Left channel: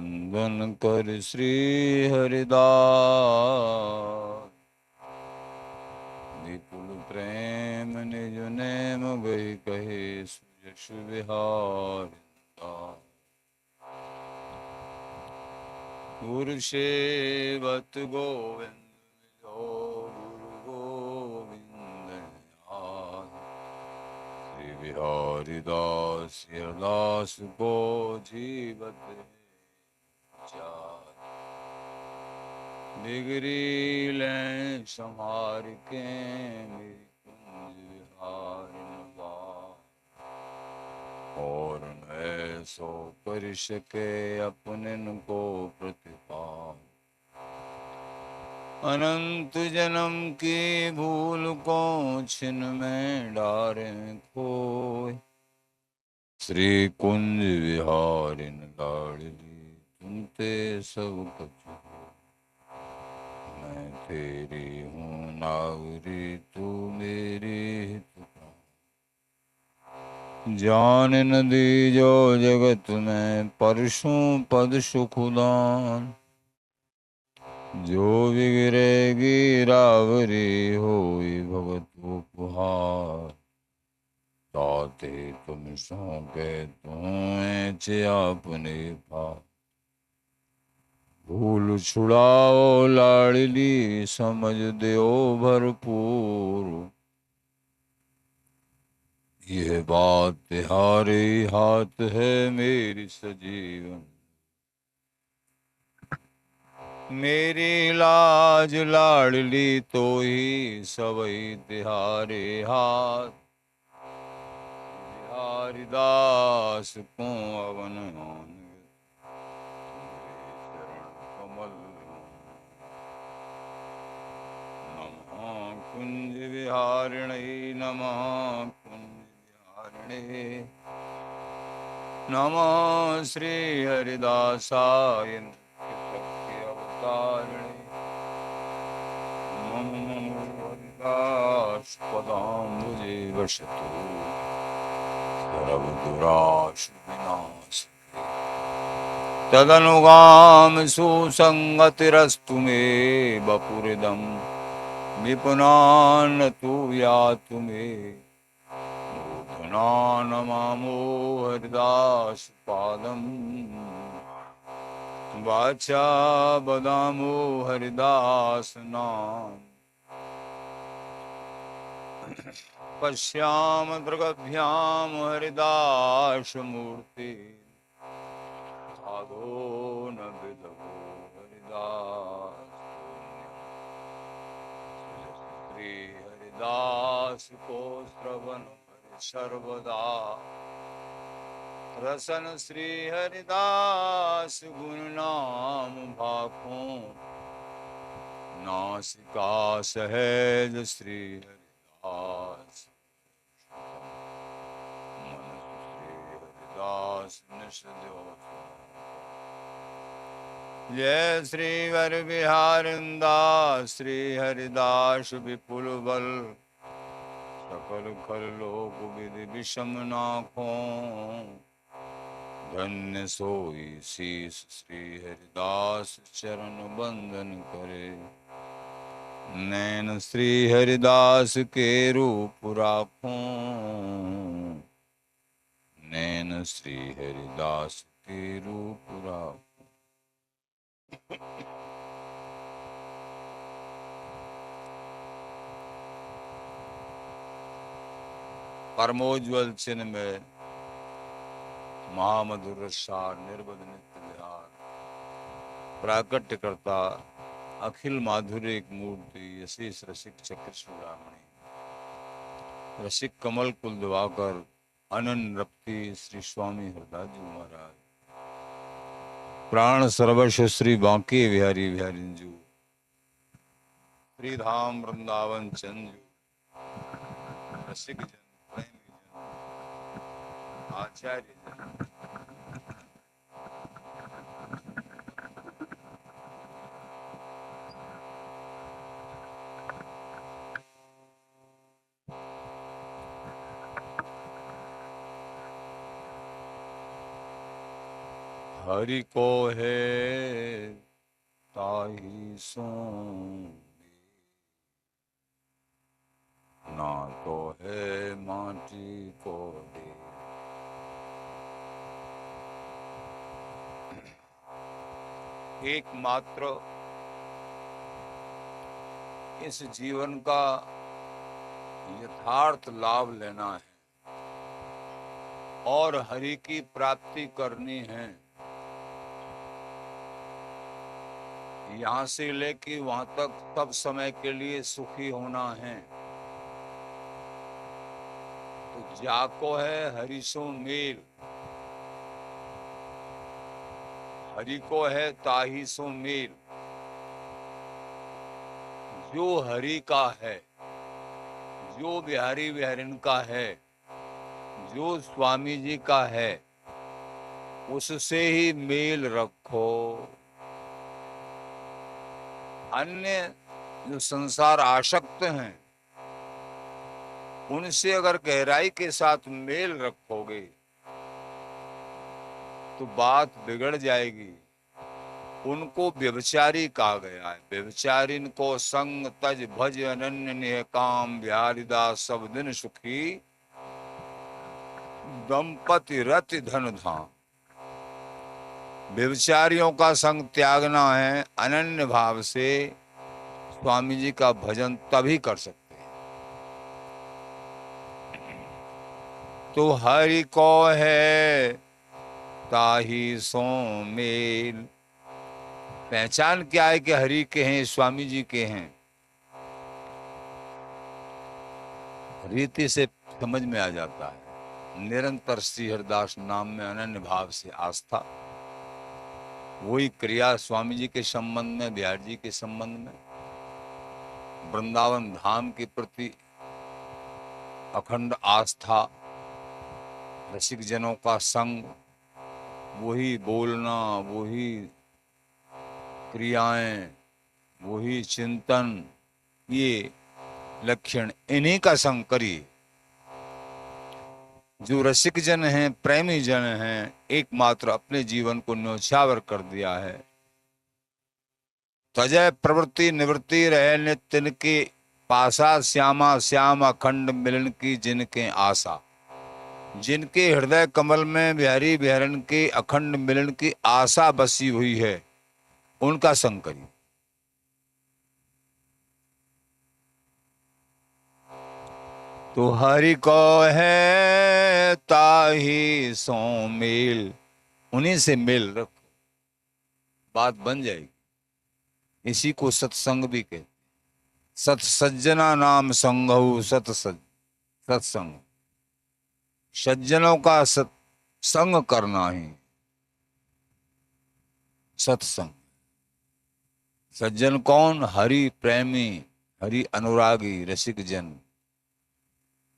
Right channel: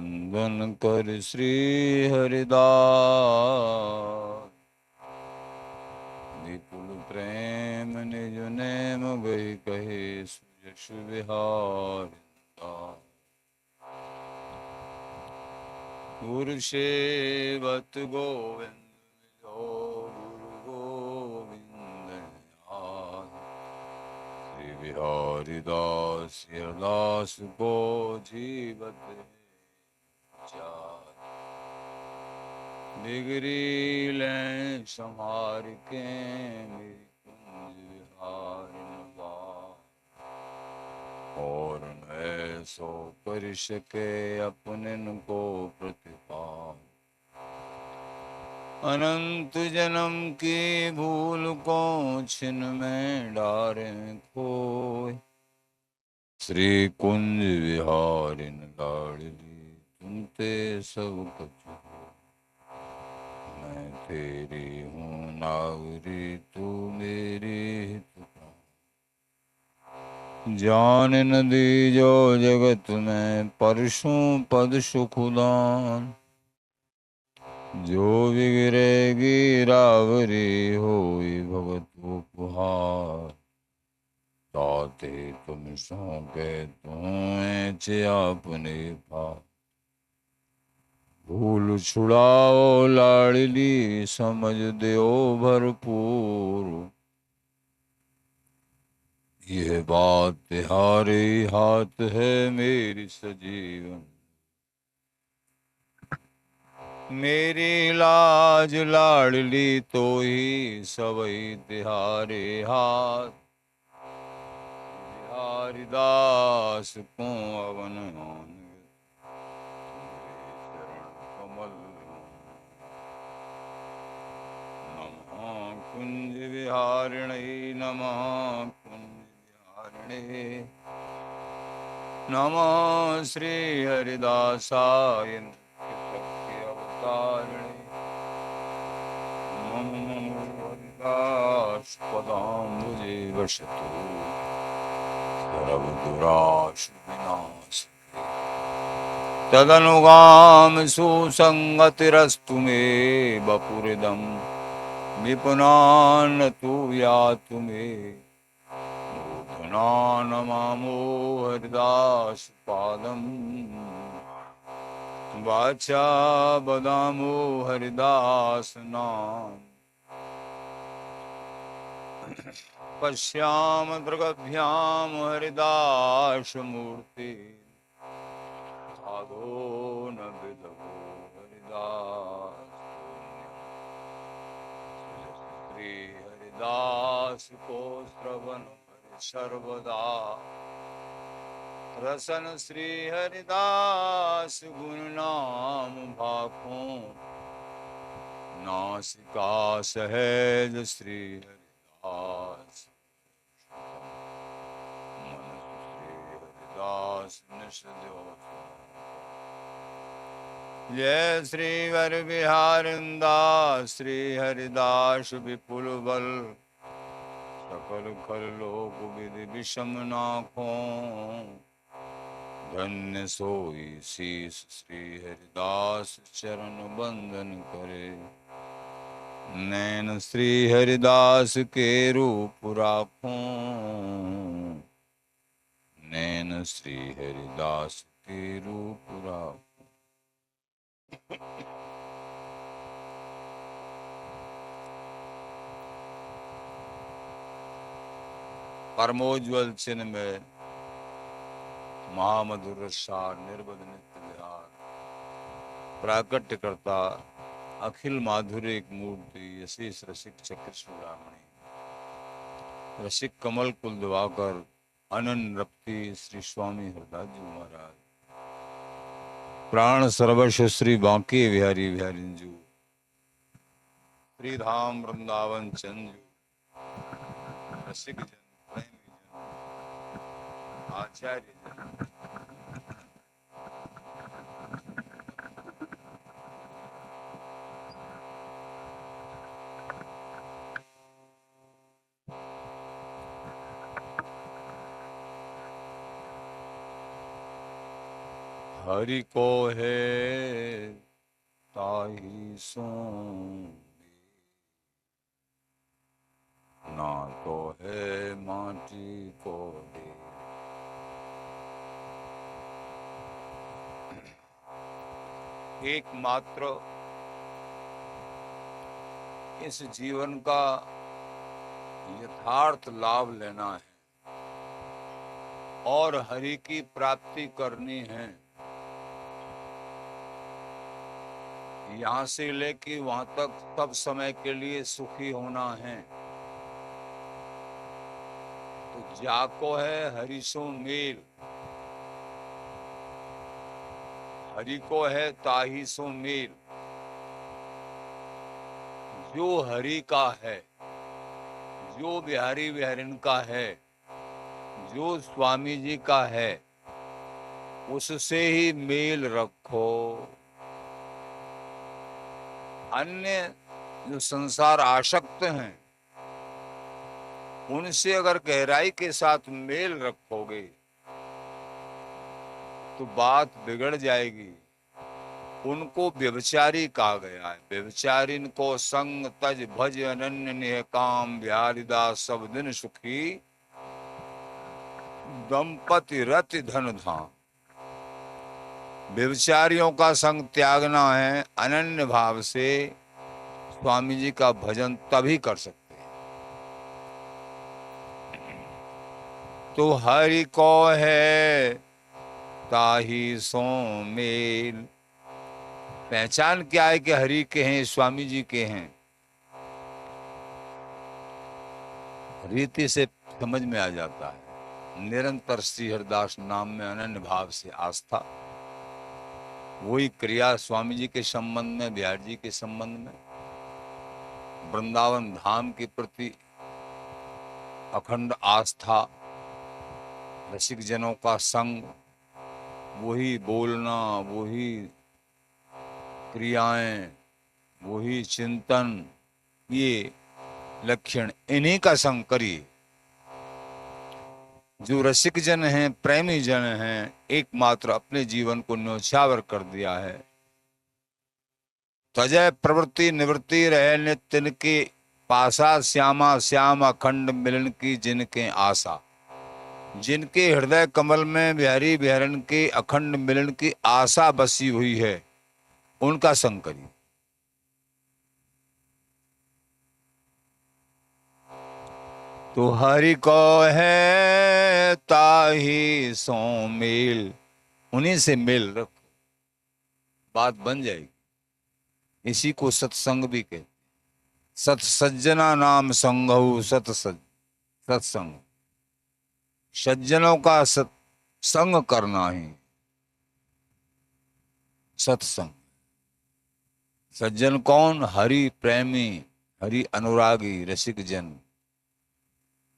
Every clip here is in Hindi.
वंदन कर श्री हरिदास। विपुल प्रेम निज नेम गई कहे सुयश विहार। गुरु सेवत गोविंद गुरु गोविंद श्री बिहारी दास दास को जीवत डिगरी लें संहार के मेरी कुंज विहार और न सो कर सके अपने को प्रतिपाल। अनंत जन्म की भूल को छिन में डारे खोए श्री कुंज विहारिन लाडली तुमते सब कुछ मैं तेरी हूँ नावरी तू मेरी हित जान न दी जो जगत में परशु पद सुखदान। जो बिगड़ेगी रावरी होई भगत उपहार ताते तुम सौंपे तुम्हें अपने पास। भूल छुड़ाओ लाडली समझ दो भरपूर यह बात तुम्हारे हाथ है मेरी सजीवन। मेरी लाज लाडली तो ही सबई तिहारे हाथ। बिहारी दास को अवन कमल नमः कुंज विहारिणे नमः कुंज विहारिणे नमः श्री हरिदासाय अवतारिणे नमो हरिदास पदाम्बुजे वसतु सर्वदुराश विनाश तदनुगाम सुसंगतिरस्तु मे बपुरिदम विपुनान तु यातु मे मूर्धना नमामो हरिदास पादम वाचा बदामो हरिदास नाम। पश्याम दृगभ्याम हरिदास मूर्ति साधो न विदो हरिदास। श्री हरिदास को श्रवण सर्वदा रसन श्री हरिदास गुण नाम भाखों नासिका सहज श्री हरिदास मन श्री हरिदास निषदो। जय श्री वर बिहारिंदास श्री हरिदास विपुल बल सकल खल लोक विधि विषम नाखों धन्य सोई शीस श्री हरिदास चरण बंदन करे। नैन श्री हरिदास के रूप राखों नैन श्री हरिदास के रूप राखों। परमोज्वल चिन्ह में महामधुर रसार निर्बध नित्य विहार प्राकट्य करता अखिल माधुर्य एक मूर्ति यशेष रसिक चक्र चूड़ामणि रसिक कमल कुल दिवाकर अनन रप्ति श्री स्वामी हरदास जी महाराज प्राण सर्वस्व श्री बांके बिहारी बिहारिंजू श्री धाम वृंदावन चंद रसिक जन आचार्य हरि को है ताहि सो, ना तो है माटी को दे। एकमात्र इस जीवन का यथार्थ लाभ लेना है और हरि की प्राप्ति करनी है। यहाँ से लेके वहां तक सब समय के लिए सुखी होना है। तो जाको है हरि सो मेल, हरि को है ताहि सो मेल। जो हरि का है, जो बिहारी बिहारिन का है, जो स्वामी जी का है, उससे ही मेल रखो। अन्य जो संसार आसक्त हैं, उनसे अगर गहराई के साथ मेल रखोगे तो बात बिगड़ जाएगी। उनको व्यभिचारी कहा गया है। व्यभिचारिन को संग तज भज अनन्य नेह काम, बिहारीदास सब दिन सुखी दंपति रति धन धाम। व्यभिचारियों का संग त्यागना है। अनन्य भाव से स्वामी जी का भजन तभी कर सकते हैं। तो हरि को है ताहि सो मेल। पहचान क्या है कि हरि के हैं, स्वामी जी के हैं? रीति से समझ में आ जाता है। निरंतर श्री हरिदास नाम में अनन्य भाव से आस्था, वही क्रिया स्वामी जी के संबंध में, बिहार जी के संबंध में, वृंदावन धाम के प्रति अखंड आस्था, रसिक जनों का संग, वही बोलना, वही क्रियाएं, वही चिंतन, ये लक्षण, इन्हीं का संग करिए। जो रसिक जन हैं, प्रेमी जन हैं, एकमात्र अपने जीवन को न्योछावर कर दिया है। तजय प्रवृत्ति निवृत्ति रहे नित्य की पासा, श्यामा श्याम अखंड मिलन की जिनके आशा। जिनके हृदय कमल में बिहारी बिहारन के अखंड मिलन की आशा बसी हुई है, उनका संग करिए। तो हरि को है ताहि सो मेल, उन्हीं से मेल रख, बात बन जाएगी। इसी को सत्संग भी कहते। सत सज्जना नाम संगहु सत्संग, सज्जनों का संग करना ही सत्संग। सज्जन कौन? हरि प्रेमी, हरि अनुरागी, रसिक जन।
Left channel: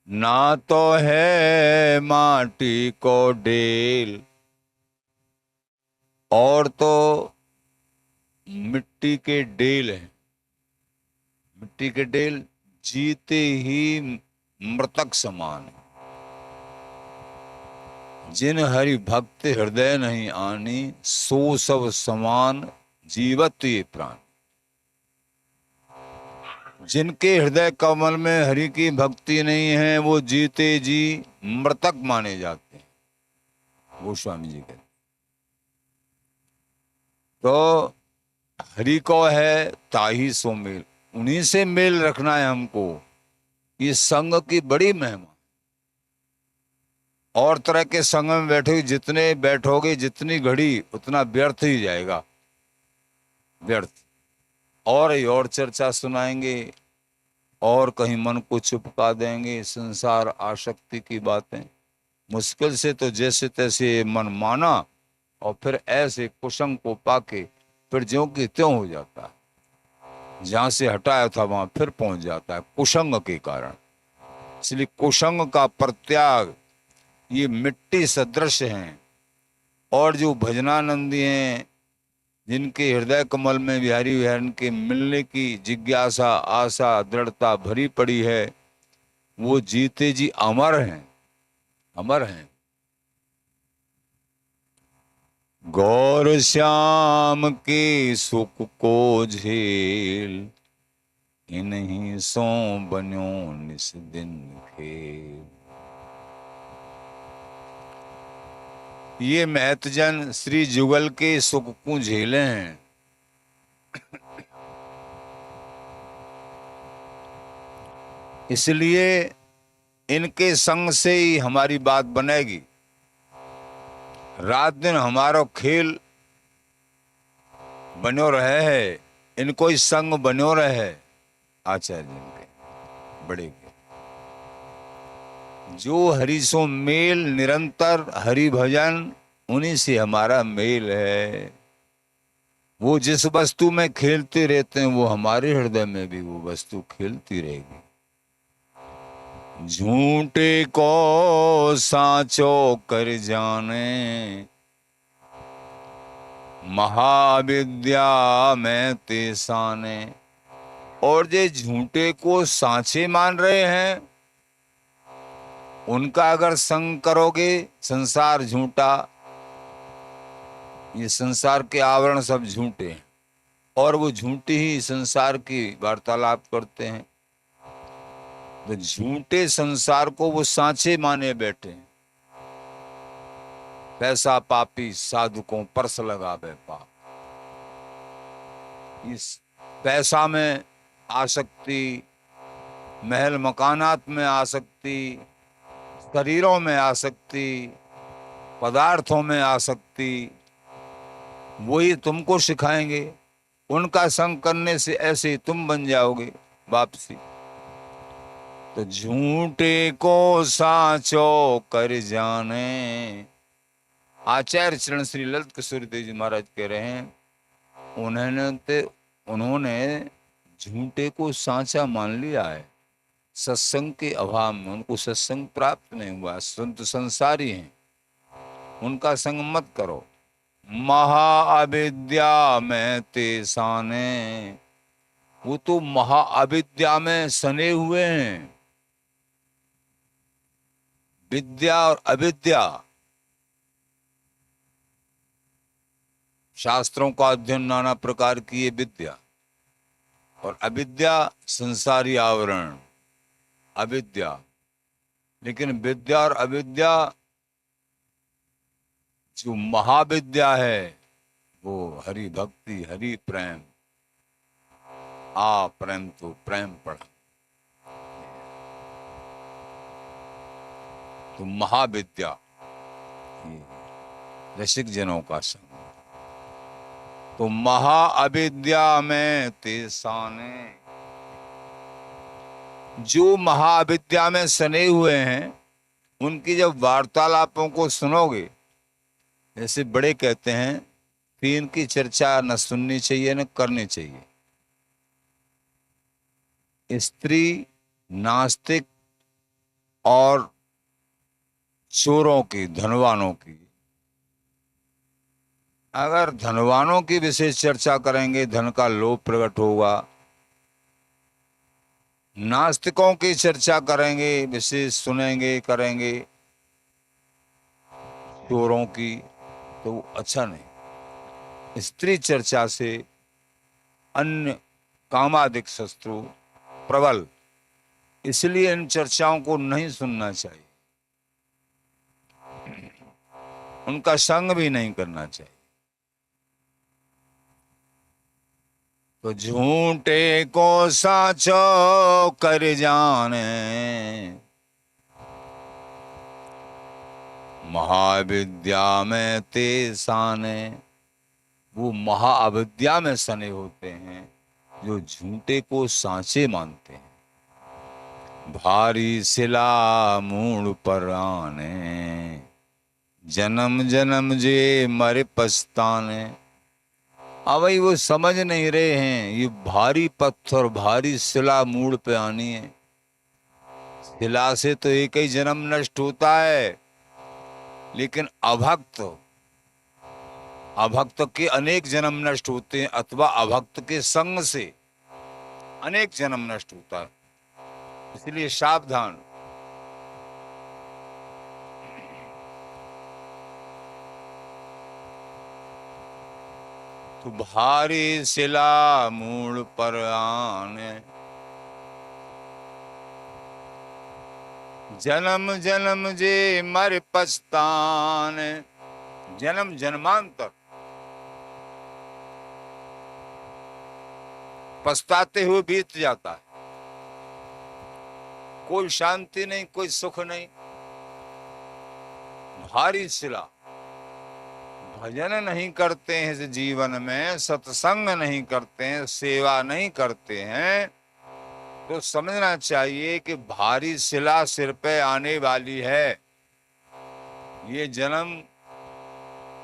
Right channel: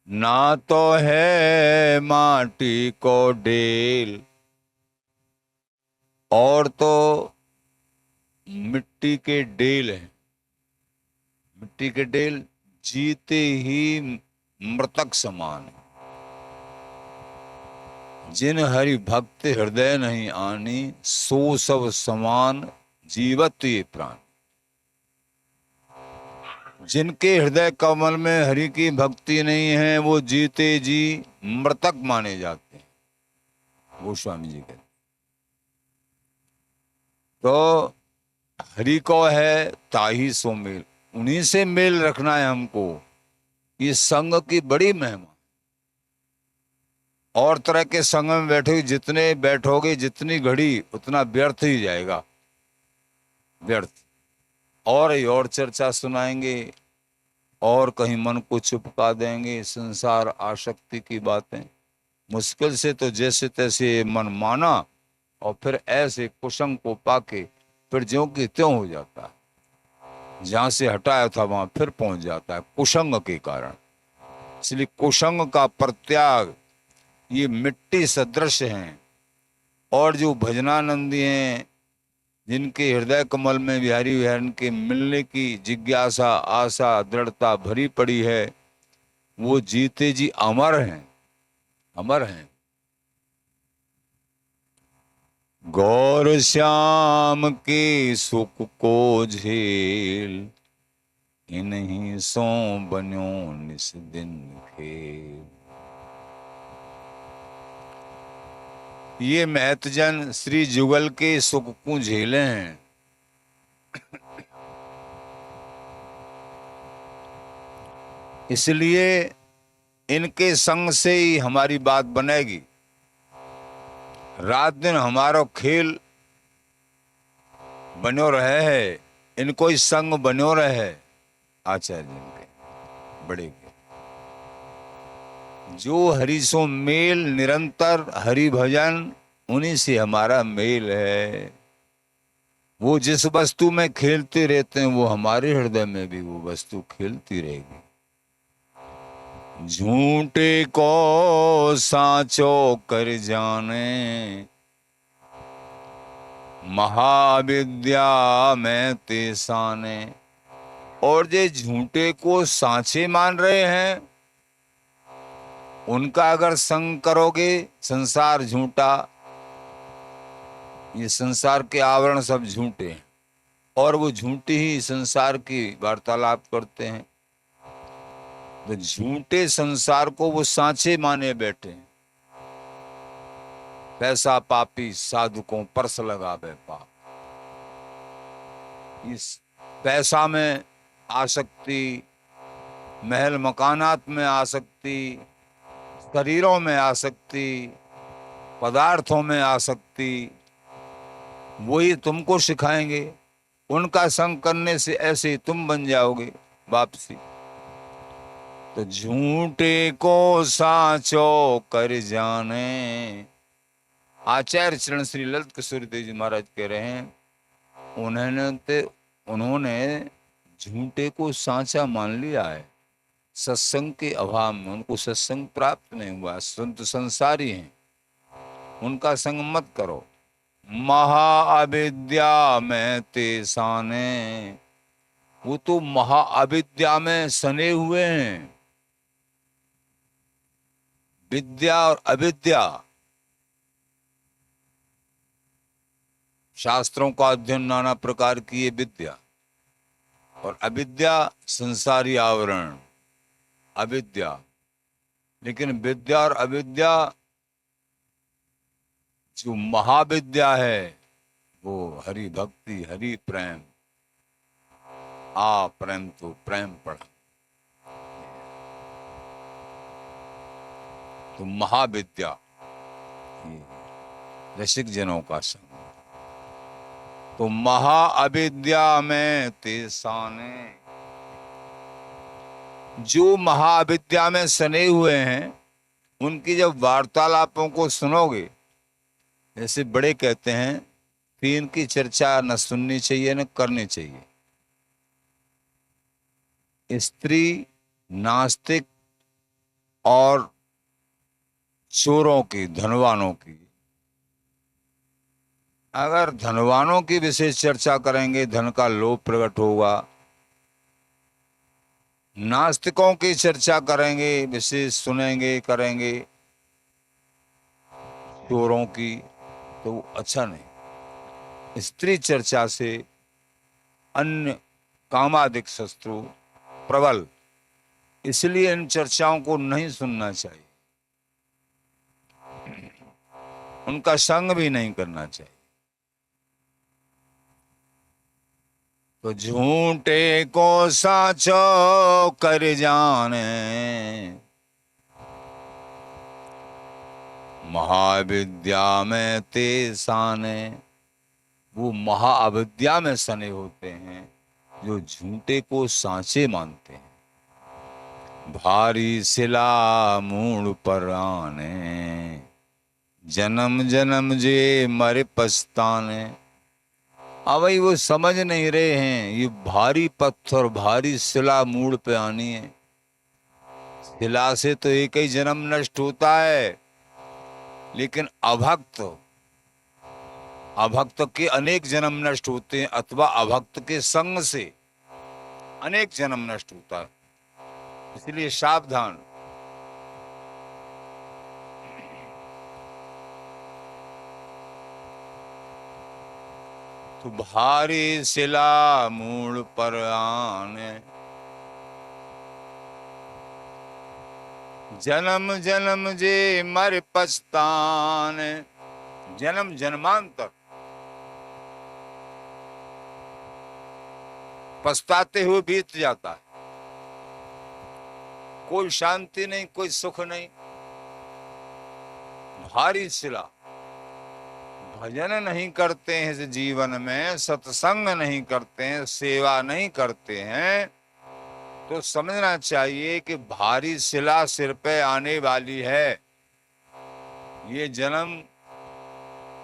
ना तो है माटी को डेल, और तो मिट्टी के डेल हैं। मिट्टी के डेल जीते ही मृतक समान है। जिन हरि भक्त हृदय नहीं आनी, सो सब समान जीवत ये प्राण। जिनके हृदय कमल में हरि की भक्ति नहीं है, वो जीते जी मृतक माने जाते हैं, गोस्वामी जी कहते। तो हरि को है ताहि सो मेल, उन्हीं से मेल रखना है हमको। ये संग की बड़ी महिमा। और तरह के संग में बैठोगे, जितने बैठोगे, जितनी घड़ी, उतना व्यर्थ ही जाएगा, व्यर्थ। और चर्चा सुनाएंगे, और कहीं मन को चुपका देंगे, संसार आसक्ति की बातें। मुश्किल से तो जैसे तैसे मन माना, और फिर ऐसे कुसंग को पाके फिर ज्यों की त्यों हो जाता है। जहां से हटाया था वहां फिर पहुंच जाता है, कुसंग के कारण। इसलिए कुसंग का परित्याग, ये मिट्टी सदृश हैं। और जो भजनानंदी हैं, जिनके हृदय कमल में बिहारी बिहारन के मिलने की जिज्ञासा, आशा, दृढ़ता भरी पड़ी है, वो जीते जी अमर हैं, अमर हैं। गौर श्याम के सुख को झेल, इन्हीं सो बन्यो निस दिन खेल। ये महतजन श्री जुगल के सुख को झेले हैं। इसलिए इनके संग से ही हमारी बात बनेगी। रात दिन हमारो खेल बनो रहे है, इनको ही संग बनो रहे है आचार्य जी के बड़े के। जो हरि सो मेल निरंतर हरि भजन, उन्हीं से हमारा मेल है। वो जिस वस्तु में खेलते रहते हैं वो हमारे हृदय में भी वो वस्तु खेलती रहेगी। झूठे को साचो कर जाने, महाविद्या में तेसाने। और जे झूठे को सांचे मान रहे हैं, उनका अगर संग करोगे, संसार झूठा, ये संसार के आवरण सब झूठे हैं और वो झूठी ही संसार की वार्तालाप करते हैं। तो झूठे संसार को वो सांचे माने बैठे हैं। पैसा पापी साधुकों परस लगावे पाप। इस पैसा में आसक्ति, महल मकानात में आसक्ति, शरीरों में आसक्ति, पदार्थों में आसक्ति, वही तुमको सिखाएंगे। उनका संग करने से ऐसे ही तुम बन जाओगे वापसी। तो झूठे को साचो कर जाने। आचार्य चरण श्री ललित किशोर देव जी महाराज कह रहे हैं, उन्होंने झूठे को सांचा मान लिया है। सत्संग के अभाव में उनको सत्संग प्राप्त नहीं हुआ। संत संसारी हैं, उनका संग मत करो। महाअविद्या में तेसाने, वो तो महाअविद्या में सने हुए हैं। विद्या और अविद्या, शास्त्रों का अध्ययन नाना प्रकार की ये विद्या, और अविद्या संसारी आवरण अविद्या। लेकिन विद्या और अविद्या, जो महाविद्या है वो हरि भक्ति, हरि प्रेम। आ प्रेम तो प्रेम पढ़ा, तो महाविद्या रसिक जनों का संग। तो महाअविद्या में तेसाने, जो महाविद्या में सने हुए हैं, उनकी जब वार्तालापों को सुनोगे, जैसे बड़े कहते हैं कि इनकी चर्चा न सुननी चाहिए न करनी चाहिए। स्त्री, नास्तिक और चोरों की, धनवानों की, अगर धनवानों की विशेष चर्चा करेंगे धन का लोभ प्रकट होगा। नास्तिकों की चर्चा करेंगे, विशेष सुनेंगे, करेंगे चोरों की, तो अच्छा नहीं। स्त्री चर्चा से अन्य कामादिक शत्रु प्रबल, इसलिए इन चर्चाओं को नहीं सुनना चाहिए, उनका संग भी नहीं करना चाहिए। तो झूठे को साचो कर जाने, महाविद्या में तेसाने। वो महाअविद्या में सने होते हैं जो झूठे को सांचे मानते हैं। भारी सिला मूड पर आने, जन्म जन्म जे मरे पछताने। अब भाई वो समझ नहीं रहे हैं, ये भारी पत्थर, भारी शिला मूड पे आनी है। शिला से तो एक ही जन्म नष्ट होता है, लेकिन अभक्त के अनेक जन्म नष्ट होते हैं, अथवा अभक्त के संग से अनेक जन्म नष्ट होता है। इसलिए सावधान। तो भारी शिला मूल पर आने, जन्म जन्म जे मर पछताने। जन्म जन्मांतर पछताते हुए बीत जाता है, कोई शांति नहीं, कोई सुख नहीं। भारी शिला, भजन नहीं करते हैं इस जीवन में, सत्संग नहीं करते हैं, सेवा नहीं करते हैं, तो समझना चाहिए कि भारी शिला सिर पे आने वाली है। ये जन्म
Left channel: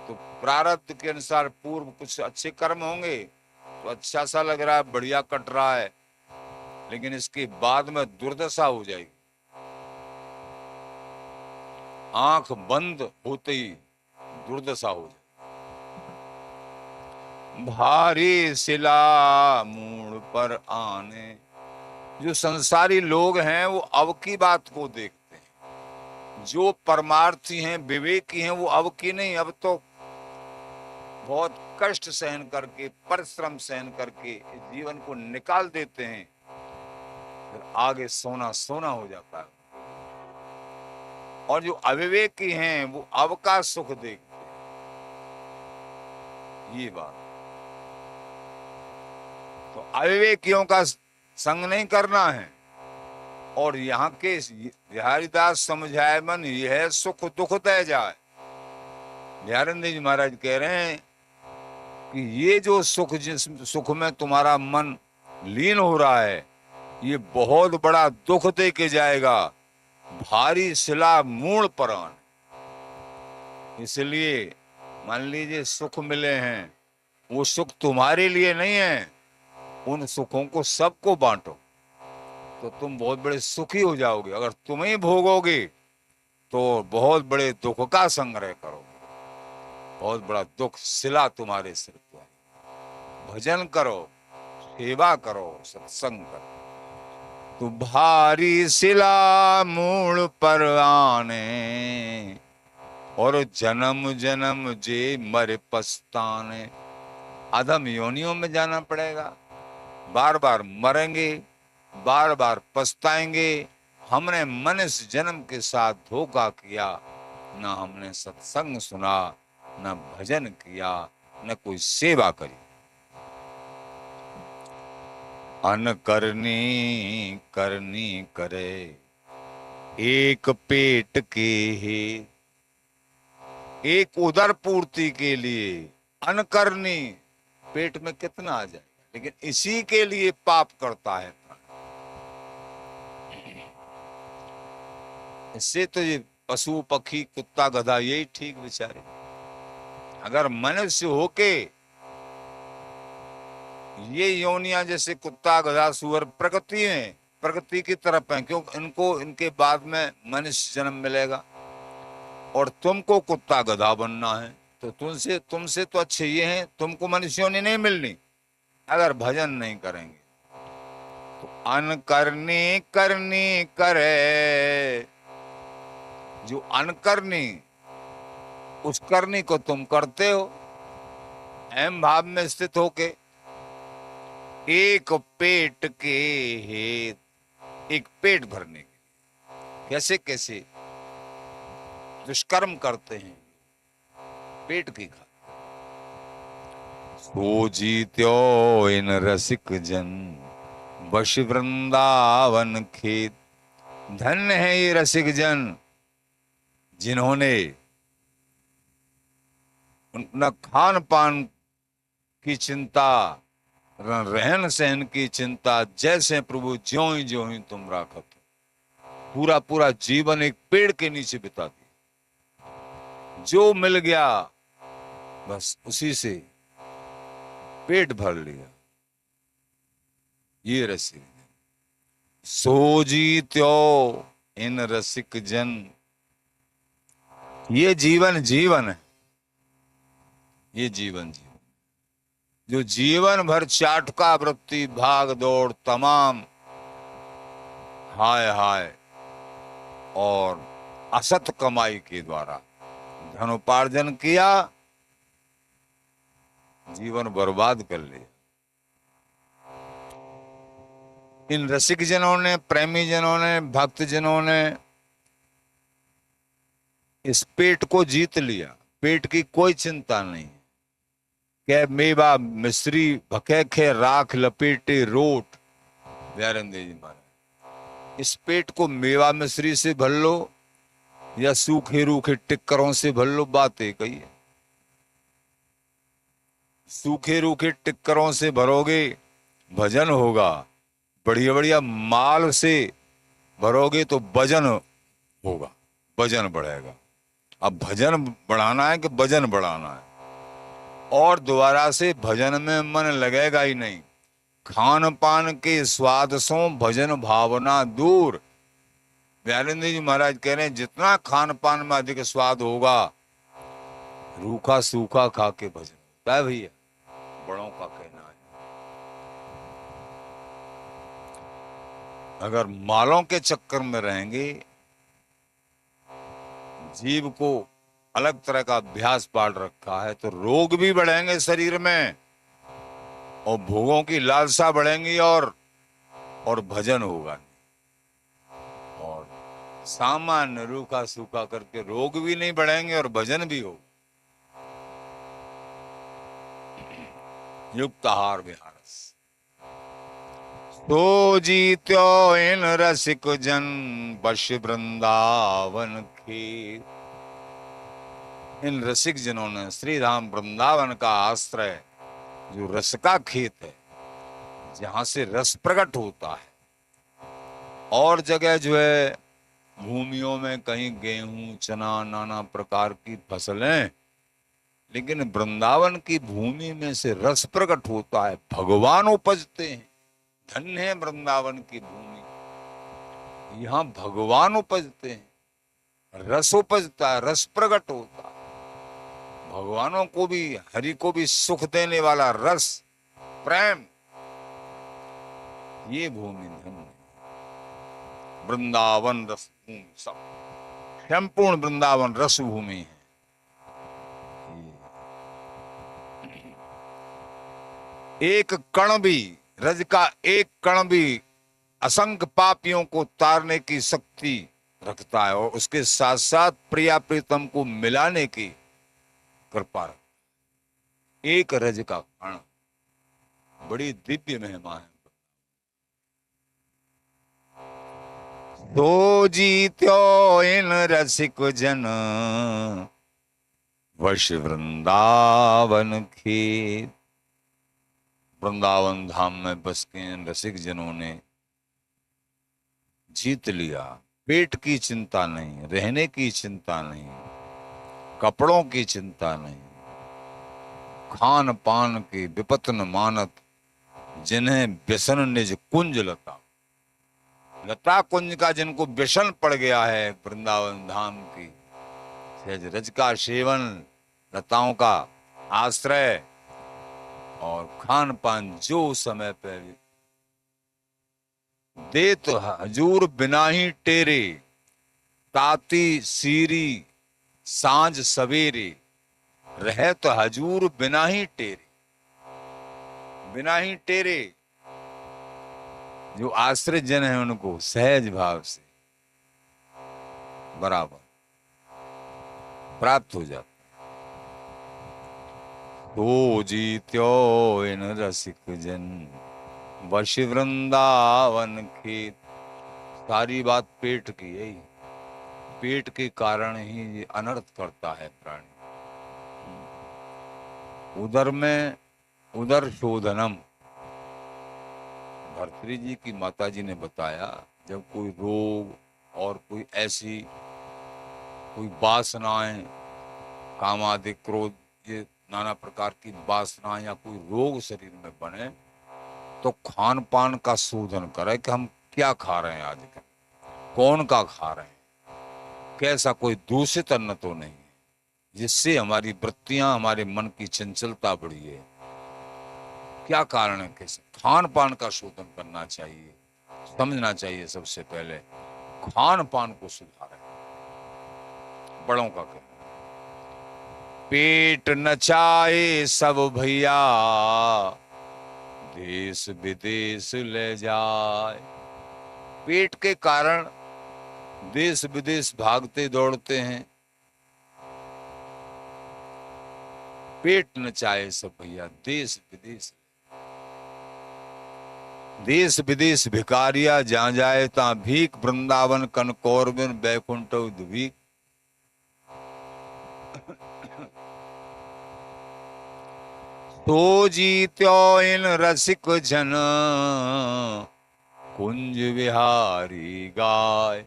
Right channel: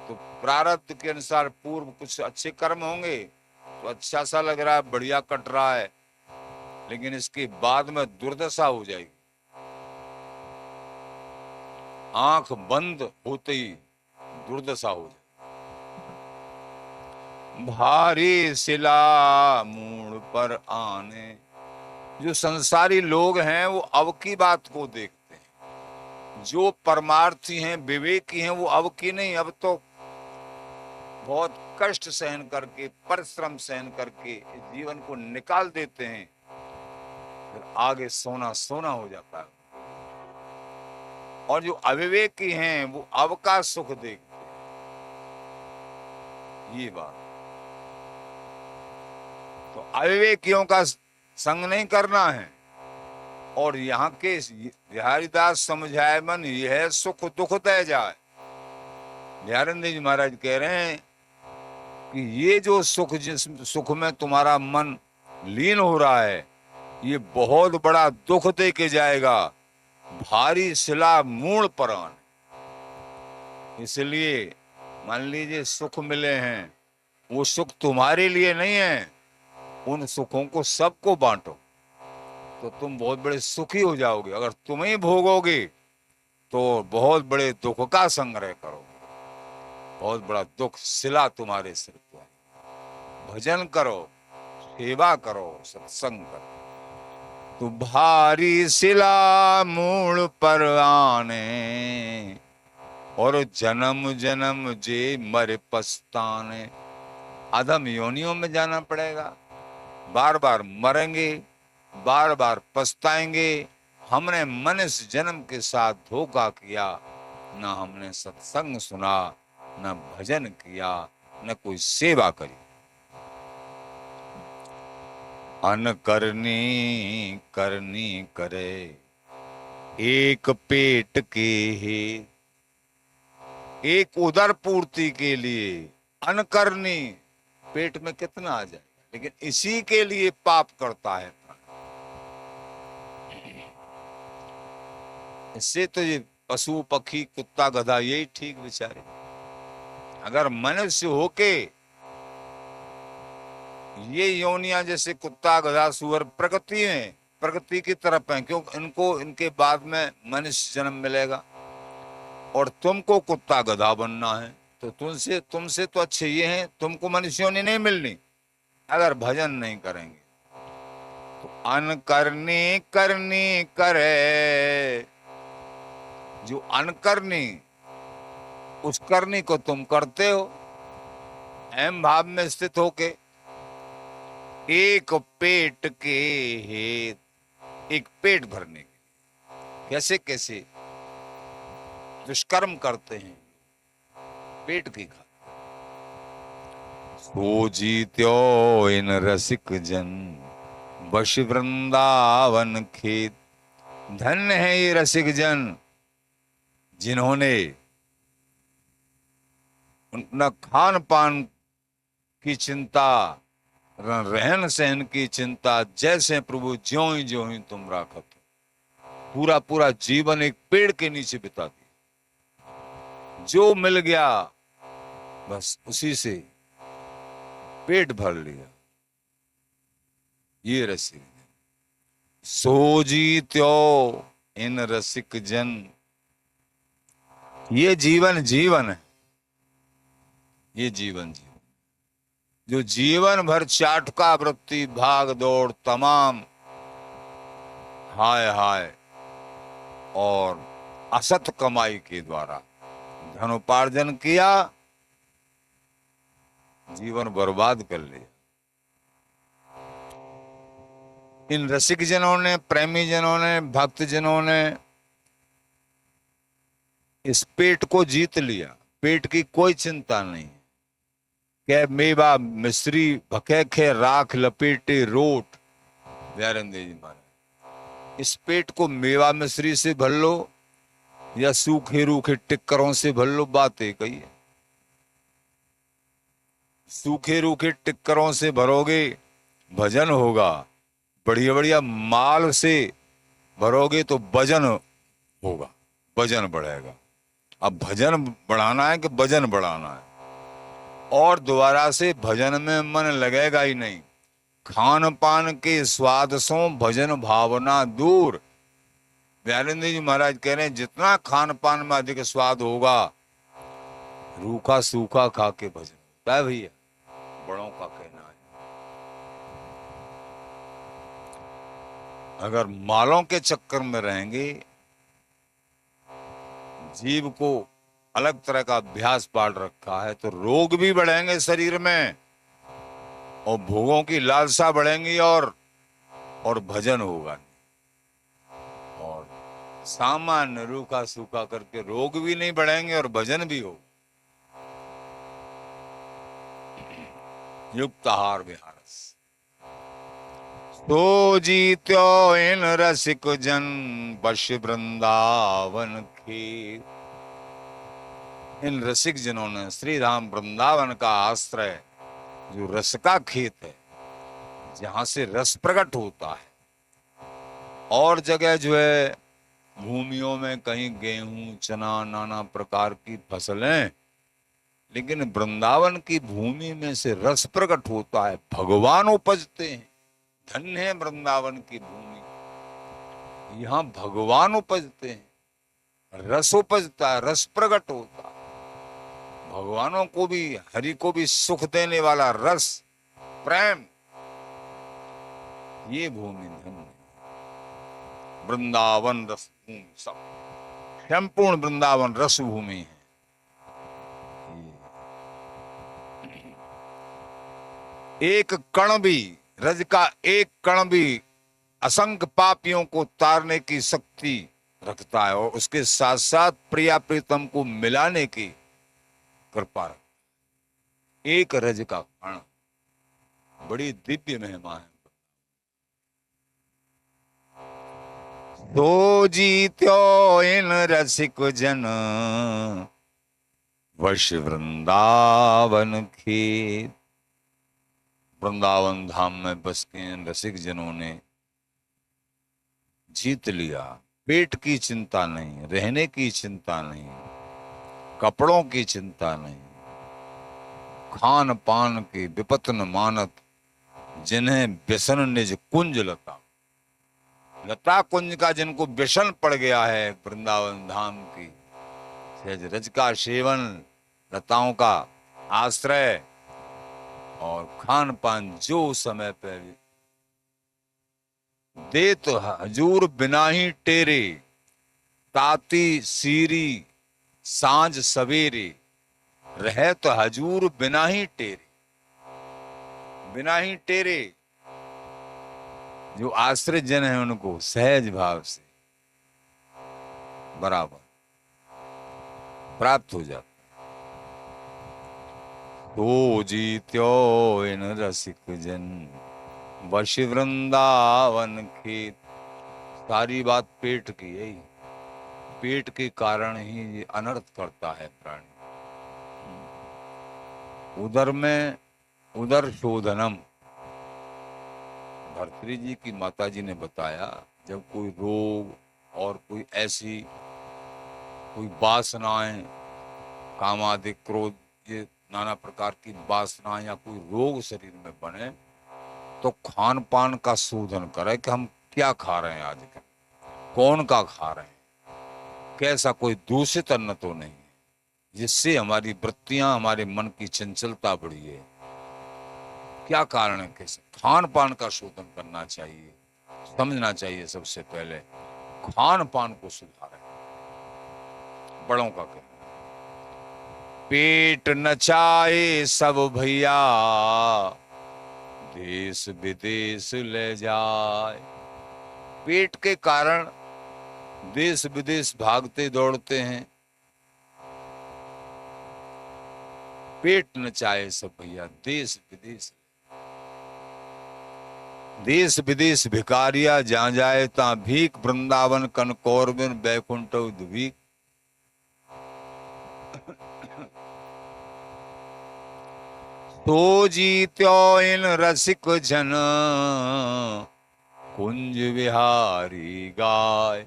तो प्रारब्ध के अनुसार पूर्व कुछ अच्छे कर्म होंगे तो अच्छा सा लग रहा है, बढ़िया कट रहा है, लेकिन इसके बाद में दुर्दशा हो जाएगी। आंख बंद होते ही दुर्दशा हो जाएगी। भारी शिला मूड पर आने। जो संसारी लोग हैं वो अब की बात को देखते हैं, जो परमार्थी हैं, विवेकी हैं, वो अब की नहीं, अब तो बहुत कष्ट सहन करके, परिश्रम सहन करके जीवन को निकाल देते हैं, फिर आगे सोना सोना हो जाता है। और जो अविवेकी हैं वो अब का सुख देखते हैं। ये बात तो अविवेकियों का संग नहीं करना है। और यहाँ के बिहारीदास समझाए मन यह सुख दुख तय जाए। बिहारंद जी महाराज कह रहे हैं कि ये जो सुख, जिस सुख में तुम्हारा मन लीन हो रहा है, ये बहुत बड़ा दुख दे के जाएगा। भारी शिला मूल पर आने। इसलिए मान लीजिए सुख मिले हैं, वो सुख तुम्हारे लिए नहीं है, उन सुखों को सबको बांटो तो तुम बहुत बड़े सुखी हो जाओगे। अगर तुम ही भोगोगे तो बहुत बड़े दुख का संग्रह करोगे, बहुत बड़ा दुख शिला तुम्हारे सिर पर। भजन करो, सेवा करो, सत्संग करो, तो भारी शिला मूल पर आने, और जन्म जन्म जे मर पछताने। अधम योनियों में जाना पड़ेगा, बार बार मरेंगे, बार बार पछताएंगे। हमने मनुष्य जन्म के साथ धोखा किया, ना हमने सत्संग सुना, न भजन किया, न कोई सेवा करी। अन करनी करनी करे एक पेट की ही, एक उदर पूर्ति के लिए अन करनी, पेट में कितना आ जाएगा, लेकिन इसी के लिए पाप करता है। इससे तो ये पशु पक्षी कुत्ता गधा यही ठीक बेचारे। अगर मनुष्य होके ये योनियां जैसे कुत्ता गधा सुअर प्रकृति में, प्रकृति की तरफ है, क्यों इनको इनके बाद में मनुष्य जन्म मिलेगा। और तुमको कुत्ता गधा बनना है तो तुमसे तो अच्छे ये हैं, तुमको मनुष्य योनि नहीं मिलनी अगर भजन नहीं करेंगे। तो अन करनी करनी करे, जो अनकरनी उस करनी को तुम करते हो अहम भाव में स्थित होके। एक पेट के हेत, एक पेट भरने के कैसे कैसे दुष्कर्म करते हैं पेट की खातिर। सो जीत्यो इन रसिक जन वश वृंदावन खेत। धन्य है ये रसिक जन जिन्होंने न खान पान की चिंता, रहन सहन की चिंता, जैसे प्रभु ज्यों ही तुम राखत, पूरा पूरा जीवन एक पेड़ के नीचे बिता दिया। जो मिल गया बस उसी से पेट भर लिया। ये रसिक सो जीत्यो इन रसिक जन। ये जीवन जीवन है, ये जीवन जीवन जो जीवन भर चाटका वृत्ति, भाग दौड़, तमाम हाय हाय और असत कमाई के द्वारा धन उपार्जन किया, जीवन बर्बाद कर लिया। इन रसिक जनों ने, प्रेमी जनों ने, भक्त जनों ने इस पेट को जीत लिया। पेट की कोई चिंता नहीं। के मेवा मिश्री भके खे राख लपेटे रोट। दयानंद जी महाराज, इस पेट को मेवा मिश्री से भर लो या सूखे रूखे टिक्करों से भर लो, बात एक ही है। सूखे रूखे टिक्करों से भरोगे भजन होगा, बढ़िया बढ़िया माल से भरोगे तो वजन होगा, वजन बढ़ेगा। अब भजन बढ़ाना है कि वजन बढ़ाना है, और दोबारा से भजन में मन लगेगा ही नहीं। खान पान के स्वाद सो भजन भावना दूर। दयानंद जी महाराज कह रहे हैं जितना खान पान में अधिक स्वाद होगा, रूखा सूखा खा के भजन होता है भैया, बड़ों का कहना है। अगर मालों के चक्कर में रहेंगे, जीव को अलग तरह का अभ्यास पाल रखा है, तो रोग भी बढ़ेंगे शरीर में और भोगों की लालसा बढ़ेंगी और भजन होगा। और सामान्य रूखा सूखा करके रोग भी नहीं बढ़ेंगे और भजन भी हो। युक्त आहार विहारस तो जीत्यो इन रसिक जन पश वृंदावन की। इन रसिक जनों ने श्री राम वृंदावन का आश्रय, जो रस का खेत है, जहां से रस प्रकट होता है, और जगह जो है भूमियों में कहीं गेहूं चना नाना प्रकार की फसलें, लेकिन वृंदावन की भूमि में से रस प्रकट होता है, भगवान उपजते हैं। धन्य है वृंदावन की भूमि, यहाँ भगवान उपजते हैं, रस उपजता है, रस प्रकट होता है। भगवानों को भी, हरि को भी सुख देने वाला रस, प्रेम, ये भूमि धन्य। वृंदावन रस भूमि, सब संपूर्ण वृंदावन रस भूमि है। एक कण भी, रज का एक कण भी असंख्य पापियों को तारने की शक्ति रखता है, और उसके साथ साथ प्रिया प्रीतम को मिलाने की कृपा है। एक रज का कण बड़ी दिव्य महिमा है। तो जीत्यो इन रसिक जन वश वृंदावन खेत। वृंदावन धाम में बस के रसिक जनों ने जीत लिया। पेट की चिंता नहीं, रहने की चिंता नहीं, कपड़ों की चिंता नहीं, खान पान की विपत न मानत, जिन्हें व्यसन निज कुंज लता। लता कुंज का जिनको व्यसन पड़ गया है वृंदावन धाम की, सहज रज का सेवन, लताओं का आश्रय और खान पान जो समय पे दे, तो हजूर बिना ही टेरे, ताती सीरी सांझ सवेरे, रहे तो हजूर बिना ही टेरे। बिना ही टेरे, जो आश्रित जन है उनको सहज भाव से बराबर प्राप्त हो जाता। तो जीत्यो इन रसिक जन वश वृंदावन खेत। सारी बात पेट की है, पेट के कारण ही अनर्थ करता है प्राणी। उदर में उदर शोधनम, भर्तृ जी की माता जी ने बताया, जब कोई रोग और कोई ऐसी कोई वासनाएं, कामादि क्रोध, ये नाना प्रकार की वासनाएं या कोई रोग शरीर में बने, तो खान पान का शोधन करे कि हम क्या खा रहे हैं आजकल, कौन का खा रहे हैं, कैसा कोई दूषित अन्न तो नहीं है जिससे हमारी वृत्तियां, हमारे मन की चंचलता बढ़ी है। क्या कारण है, कैसे खान पान का शोधन करना चाहिए, समझना चाहिए। सबसे पहले खान पान को सुधारें, बड़ों का कहना। पेट नचाए सब भैया, देश विदेश ले जाए। पेट के कारण देश विदेश भागते दौड़ते हैं। पेट नचाए सब भैया, देश विदेश, देश विदेश भिकारिया जहां जाए ता भीख, वृंदावन कनकौर में बैकुंठ भीख। तो जीत्यो इन रसिक जन, कुंज विहारी गाय।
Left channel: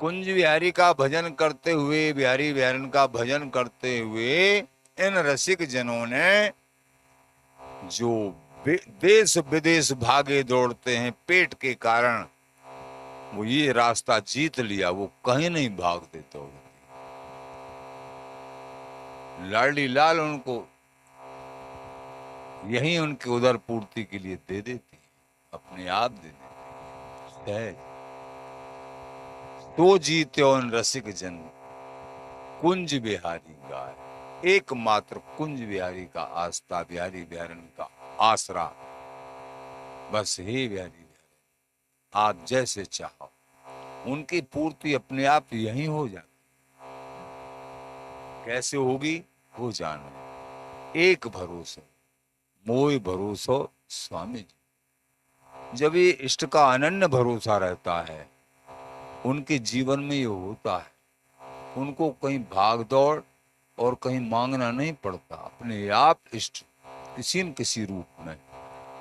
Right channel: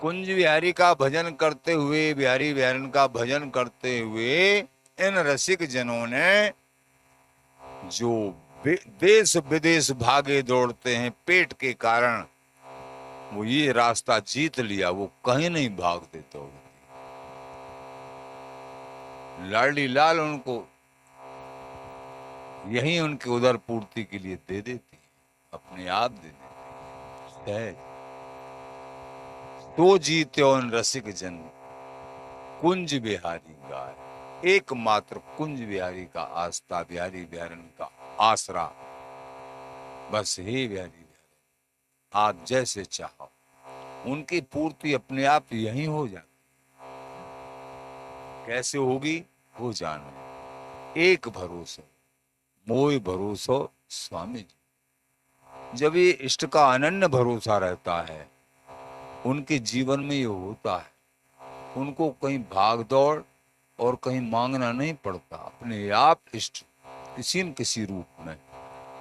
कुंज विहारी का भजन करते हुए, बिहारी बिहारन का भजन करते हुए इन रसिक जनों ने जो देश विदेश भागे दौड़ते हैं पेट के कारण, वो ये रास्ता जीत लिया, वो कहीं नहीं भाग देते। लाडली लाल उनको यही उनकी उदर पूर्ति के लिए दे देती, अपने आप दे देती है। तो जीत्यो रसिक जन, कुंज बिहारी गाय। एकमात्र कुंज बिहारी का आस्था, बिहारी बिहारन का आसरा, बस ही बिहारी बिहारी, आप जैसे चाहो। उनकी पूर्ति अपने आप यही हो जाती। कैसे होगी? हो जाने एक भरोसा, मोय भरोसो स्वामी जी। जब ये इष्ट का अनन्य भरोसा रहता है, उनके जीवन में ये होता है, उनको कहीं भाग दौड़ और कहीं मांगना नहीं पड़ता। अपने आप इष्ट किसी न किसी रूप में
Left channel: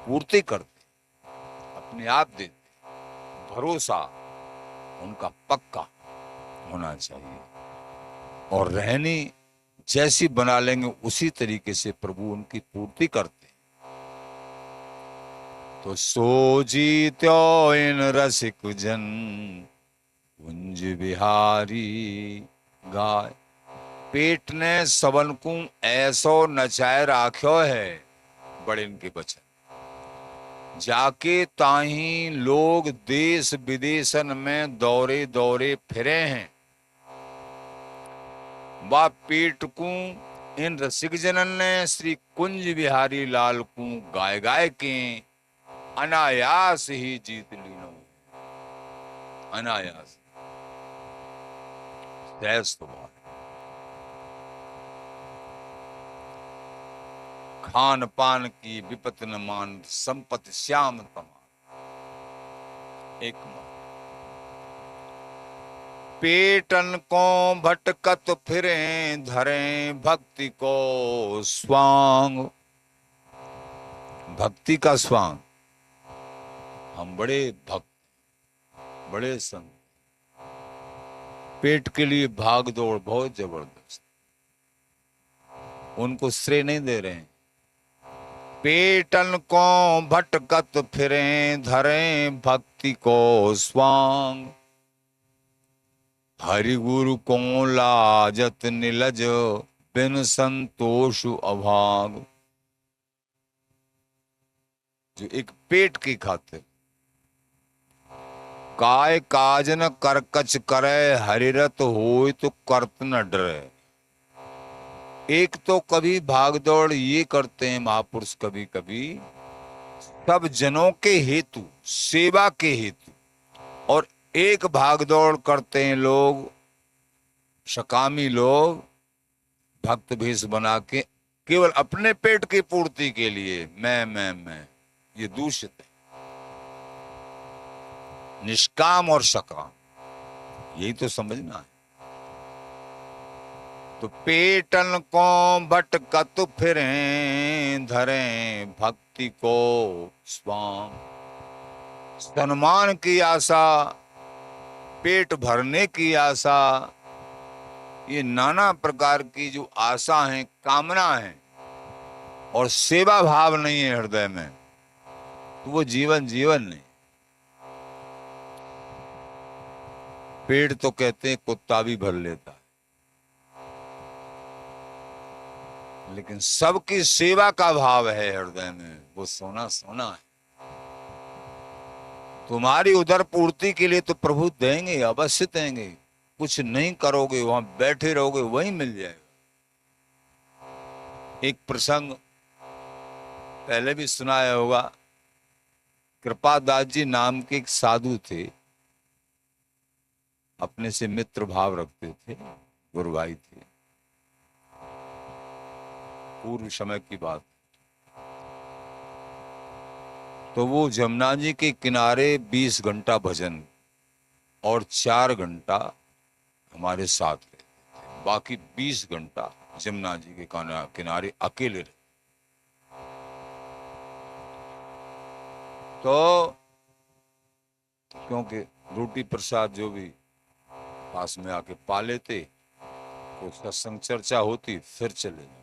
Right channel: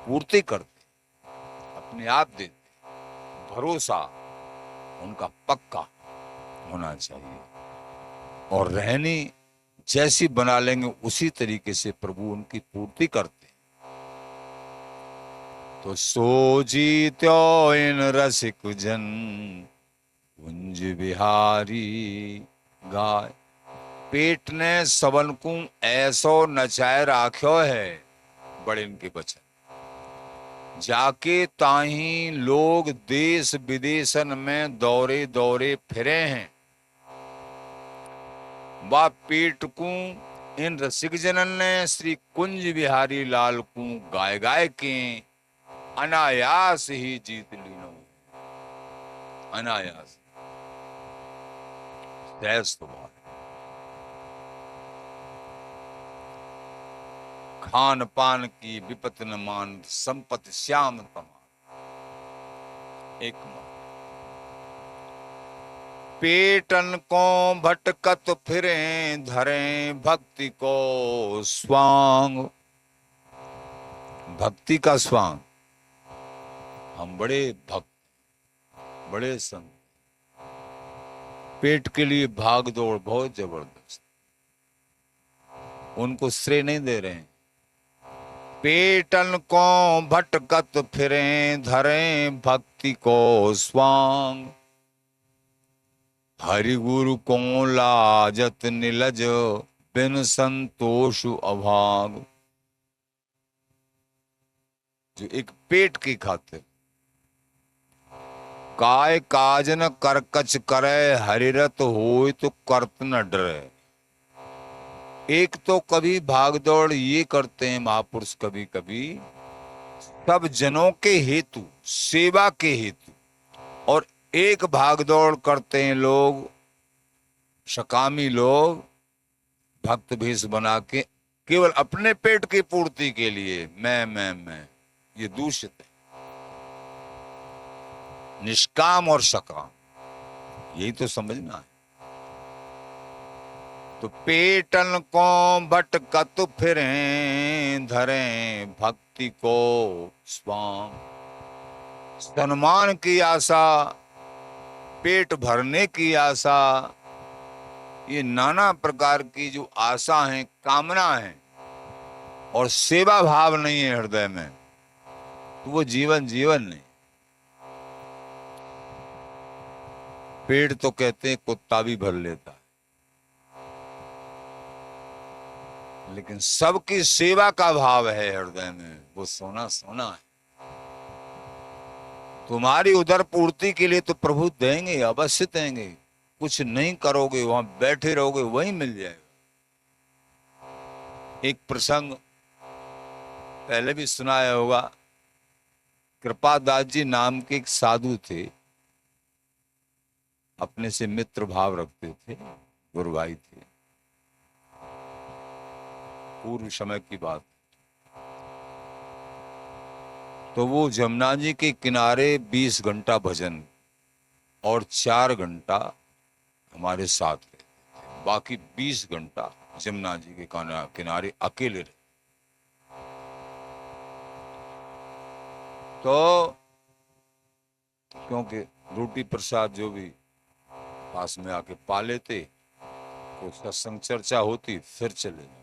पूर्ति करते, अपने आप देते। भरोसा उनका पक्का होना चाहिए, और रहनी जैसी बना लेंगे उसी तरीके से प्रभु उनकी पूर्ति करते। तो सो जीत्यो इन रसिक जन, कुंज बिहारी गाय। पेट ने सबन को ऐसो नचाए राख्यो है, बड़े इनके बचन। जाके ताही लोग देश विदेशन में दौरे दौरे फिरे हैं। बा पेट को इन रसिक जनन ने श्री कुंज बिहारी लाल को गाय गाय के अनायास ही जीत ली। अनायास खान पान की विपत न मान, संपत्ति श्याम तमाम। एक पेटन को भटकत फिरे, धरे भक्ति को स्वांग। भक्ति का स्वांग, हम बड़े भक्त, बड़े संत, पेट के लिए भाग दौड़ बहुत जबरदस्त, उनको श्रेय नहीं दे रहे हैं। पेटन को भटकत फिरे, धरे भक्ति को स्वांग। हरि गुरु को लाजत निलज, बिन संतोष अभाग। जो एक पेट की खातिर काय काजन करकच करे, हरिरत होय तो करत न डरे। एक तो कभी भागदौड़ ये करते हैं महापुरुष, कभी कभी सब जनों के हेतु, सेवा के हेतु, और एक भागदौड़ करते हैं लोग, सकामी लोग, भक्त भेष बना के केवल अपने पेट की पूर्ति के लिए मैं, ये दूषित है। निष्काम और सकाम, यही तो समझना है। तो पेटन को भटकत फिरे, धरे भक्ति को स्वाम। सम्मान की आशा, पेट भरने की आशा, ये नाना प्रकार की जो आशा है, कामना है, और सेवा भाव नहीं है हृदय में, तो वो जीवन नहीं। पेट तो कहते हैं कुत्ता भी भर लेता है, लेकिन सबकी सेवा का भाव है हृदय में, वो सोना सोना है। तुम्हारी उदर पूर्ति के लिए तो प्रभु देंगे, अवश्य देंगे। कुछ नहीं करोगे, वहां बैठे रहोगे, वही मिल जाएगा। एक प्रसंग पहले भी सुनाया होगा। कृपादास जी नाम के एक साधु थे, अपने से मित्र भाव रखते थे, गुरु भाई थे, पूर्व समय की बात। तो वो जमुना जी के किनारे 20 घंटा भजन और 4 घंटा हमारे साथ रहते थे, बाकी 20 घंटा जमुना जी के किनारे अकेले रहे। तो क्योंकि रोटी प्रसाद जो भी पास में आके पा लेते, कुछ सत्संग चर्चा होती, फिर चले जाते।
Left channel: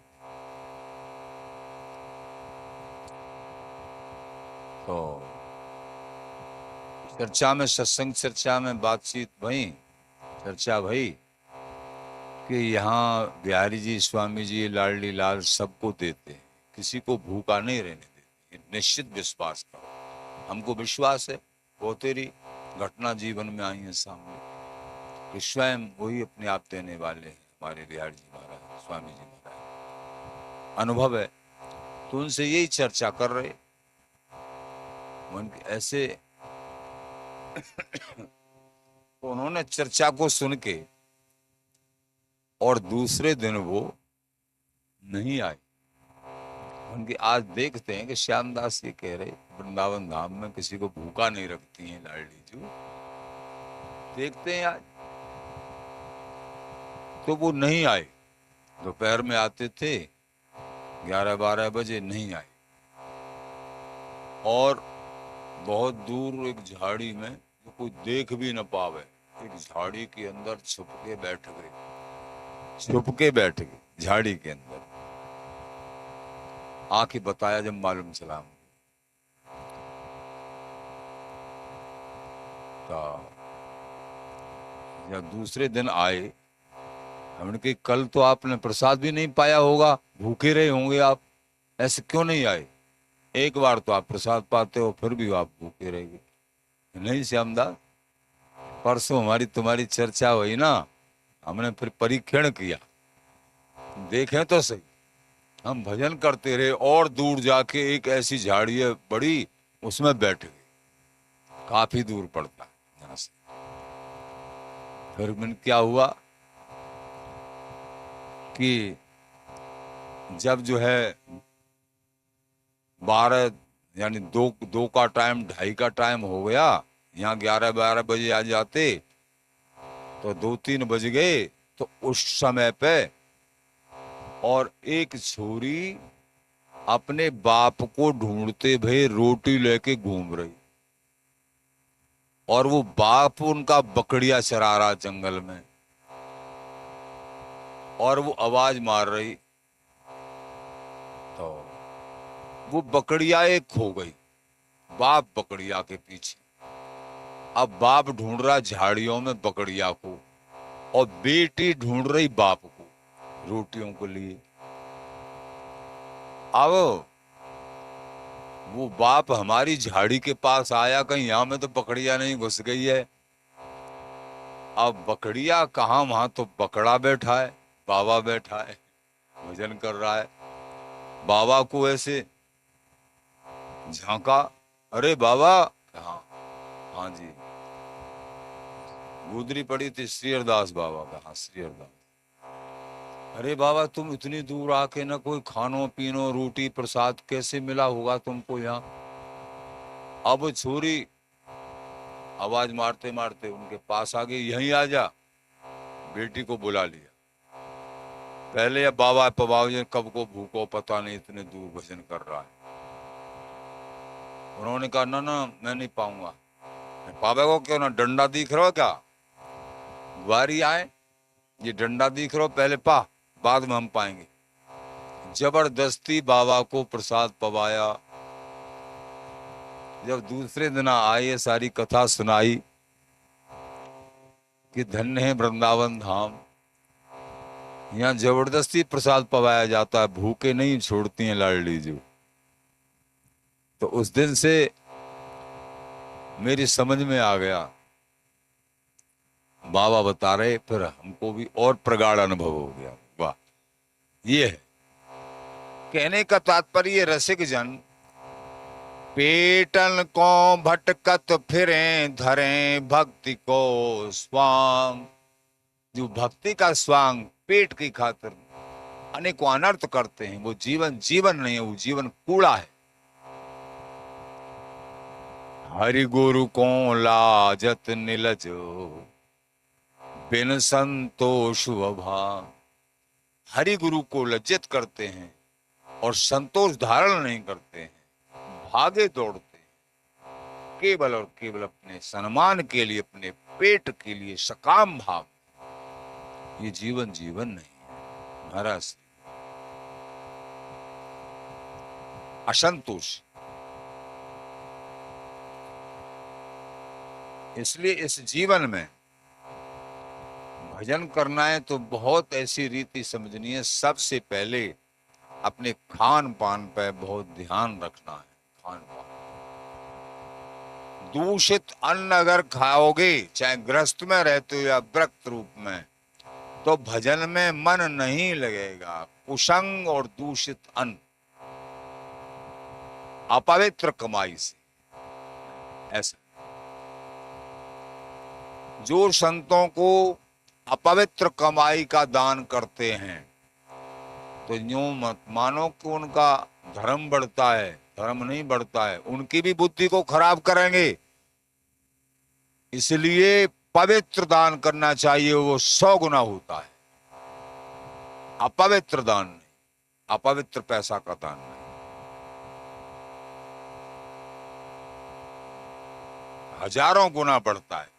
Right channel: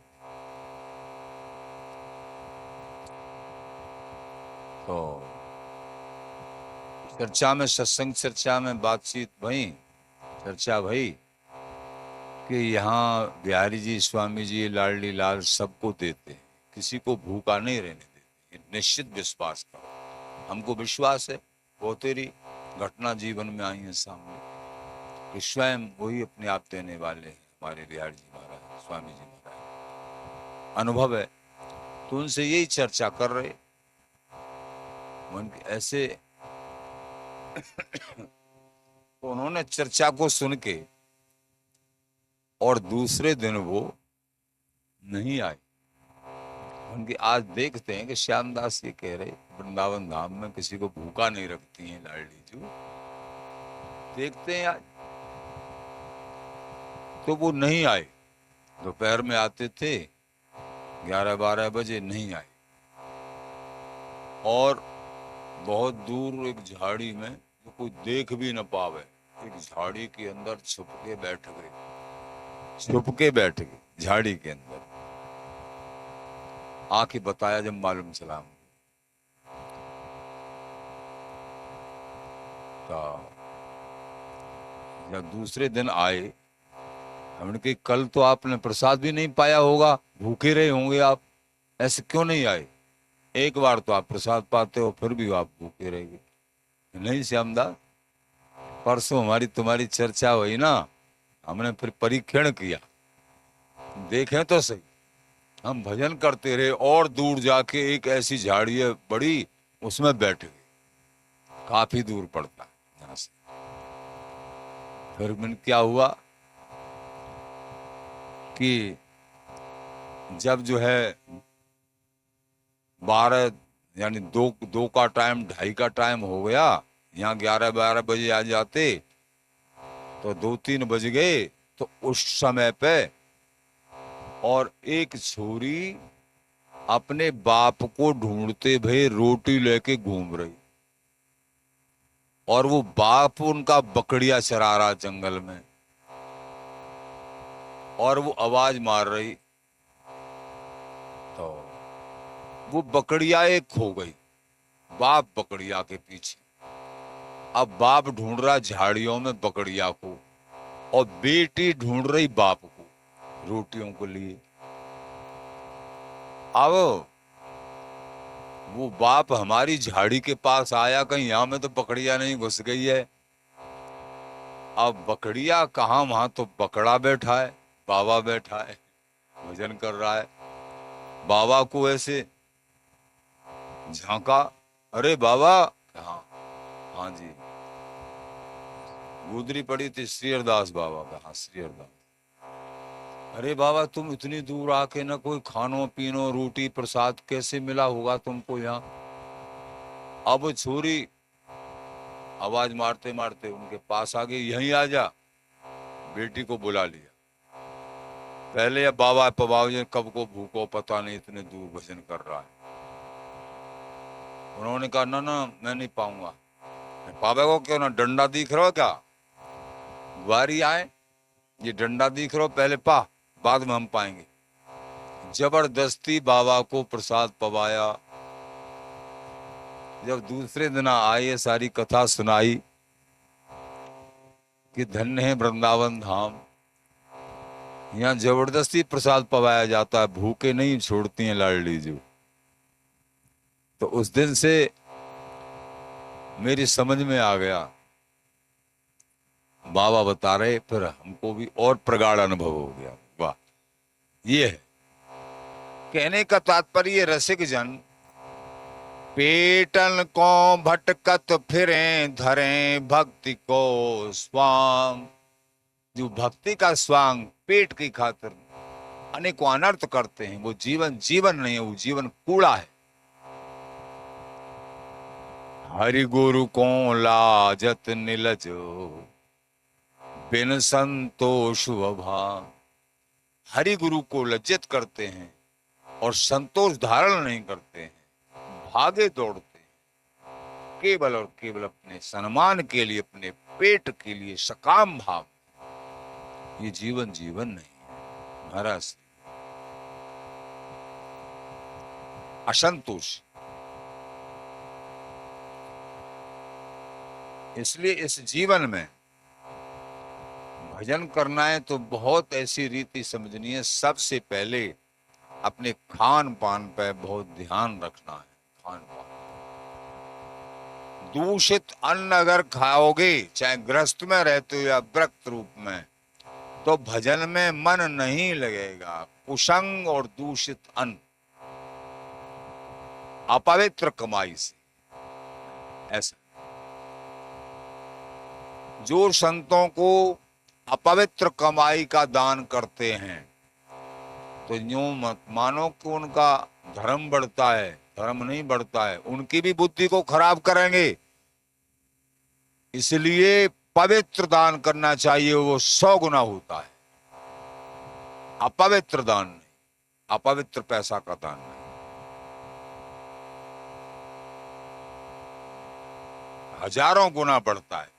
तो चर्चा में, सत्संग चर्चा में बातचीत भई, चर्चा भई कि यहाँ बिहारी जी, स्वामी जी, लाडली लाल सबको देते हैं, किसी को भूखा नहीं रहने देते। ये निश्चित विश्वास करो, हमको विश्वास है, वो तेरी घटना जीवन में आई है सामने कि स्वयं वही अपने आप देने वाले हैं, हमारे बिहारी जी महाराज, स्वामी जी महाराज, अनुभव है। तो उनसे यही चर्चा कर रहे, मन के ऐसे तो उन्होंने चर्चा को सुन के और दूसरे दिन वो नहीं आए। उनके आज देखते हैं कि श्यामदास ये कह रहे वृंदावन धाम में किसी को भूखा नहीं रखती हैं लाडली जी, देखते हैं आज। तो वो नहीं आए, दोपहर में आते थे 11-12 बजे, नहीं आए। और बहुत दूर एक झाड़ी में, जो कोई देख भी न पावे, एक झाड़ी के अंदर छुप के बैठ गए, छुप के बैठ गए झाड़ी के अंदर। आके बताया जब मालूम चला, जब दूसरे दिन आए, हमने कहा कल तो आपने प्रसाद भी नहीं पाया होगा, भूखे रहे होंगे आप, ऐसे क्यों नहीं आए? एक बार तो आप प्रसाद पाते हो, फिर भी आप भूखे रहेंगे। नहीं श्यामदास, परसों हमारी तुम्हारी चर्चा हुई ना, हमने फिर परीक्षण किया, देखें तो सही, हम भजन करते रहे और दूर जाके एक ऐसी झाड़ी है बड़ी, उसमें बैठ गए, काफी दूर पड़ता है यहाँ से। फिर मैंने क्या हुआ कि जब जो है 12 यानी दो का टाइम, 2:30 का टाइम हो गया, यहाँ 11-12 बजे आ जाते, तो 2-3 बज गए। तो उस समय पे और एक छोरी अपने बाप को ढूंढते हुए रोटी लेके घूम रही, और वो बाप उनका बकरिया चरा रहा जंगल में, और वो आवाज मार रही। तो वो बकरिया एक खो गई, बाप बकरिया के पीछे। अब बाप ढूंढ रहा झाड़ियों में बकरिया को, और बेटी ढूंढ रही बाप को रोटियों को लिए। अब वो बाप हमारी झाड़ी के पास आया, कहीं यहाँ में तो बकरिया नहीं घुस गई है। अब बकरिया कहाँ, वहां तो बकरा बैठा है, बाबा बैठा है, भजन कर रहा है। बाबा को ऐसे झांका, अरे बाबा, हाँ हाँ जी, गुदरी पड़ी थी श्रीहरदास बाबा का, हाँ श्रीहरदास। अरे बाबा, तुम इतनी दूर आके ना कोई खानो पीनो रोटी प्रसाद कैसे मिला होगा तुमको यहाँ? अब छोरी आवाज मारते मारते उनके पास आ गई, यहीं आ जा, बेटी को बुला लिया। पहले अब बाबा पबाऊ कब को भूखो पता नहीं, इतने दूर भजन कर रहा है। उन्होंने कहा ना ना, मैं नहीं पाऊंगा। बाबा को क्यों ना, डंडा दिख रहा हो क्या? ग्वारी आए, ये डंडा दिख रहा हो, पहले पा, बाद में हम पाएंगे। जबरदस्ती बाबा को प्रसाद पवाया। जब दूसरे दिन आए, सारी कथा सुनाई कि धन्य है वृंदावन धाम, यहाँ जबरदस्ती प्रसाद पवाया जाता है, भूखे नहीं छोड़ती हैं लाडली जी। तो उस दिन से मेरी समझ में आ गया, बाबा बता रहे, फिर हमको भी और प्रगाढ़ अनुभव हो गया। वाह, ये है कहने का तात्पर्य रसिक जन पेटन को भटकत फिरे धरे भक्ति को स्वांग। जो भक्ति का स्वांग पेट की खातिर अनेकों अनर्थ करते हैं, वो जीवन जीवन नहीं है, वो जीवन कूड़ा है। हरि गुरु को लाजत निलजो बिन संतोष भाव। हरि गुरु को लज्जित करते हैं और संतोष धारण नहीं करते हैं, भागे दौड़ते हैं केवल और केवल अपने सम्मान के लिए, अपने पेट के लिए, सकाम भाव। ये जीवन जीवन नहीं, महाराज असंतोष। इसलिए इस जीवन में भजन करना है तो बहुत ऐसी रीति समझनी है। सबसे पहले अपने खान पान पे बहुत ध्यान रखना है। खान पान, दूषित अन्न अगर खाओगे, चाहे ग्रस्त में रहते हो या व्रत रूप में, तो भजन में मन नहीं लगेगा। कुसंग और दूषित अन्न, अपवित्र कमाई से, ऐसा। जो संतों को अपवित्र कमाई का दान करते हैं तो यूं मत मानो कि उनका धर्म बढ़ता है, धर्म नहीं बढ़ता है, उनकी भी बुद्धि को खराब करेंगे। इसलिए पवित्र दान करना चाहिए, वो 100 गुना होता है। अपवित्र दान नहीं, अपवित्र पैसा का दान नहीं। हजारों गुना बढ़ता है।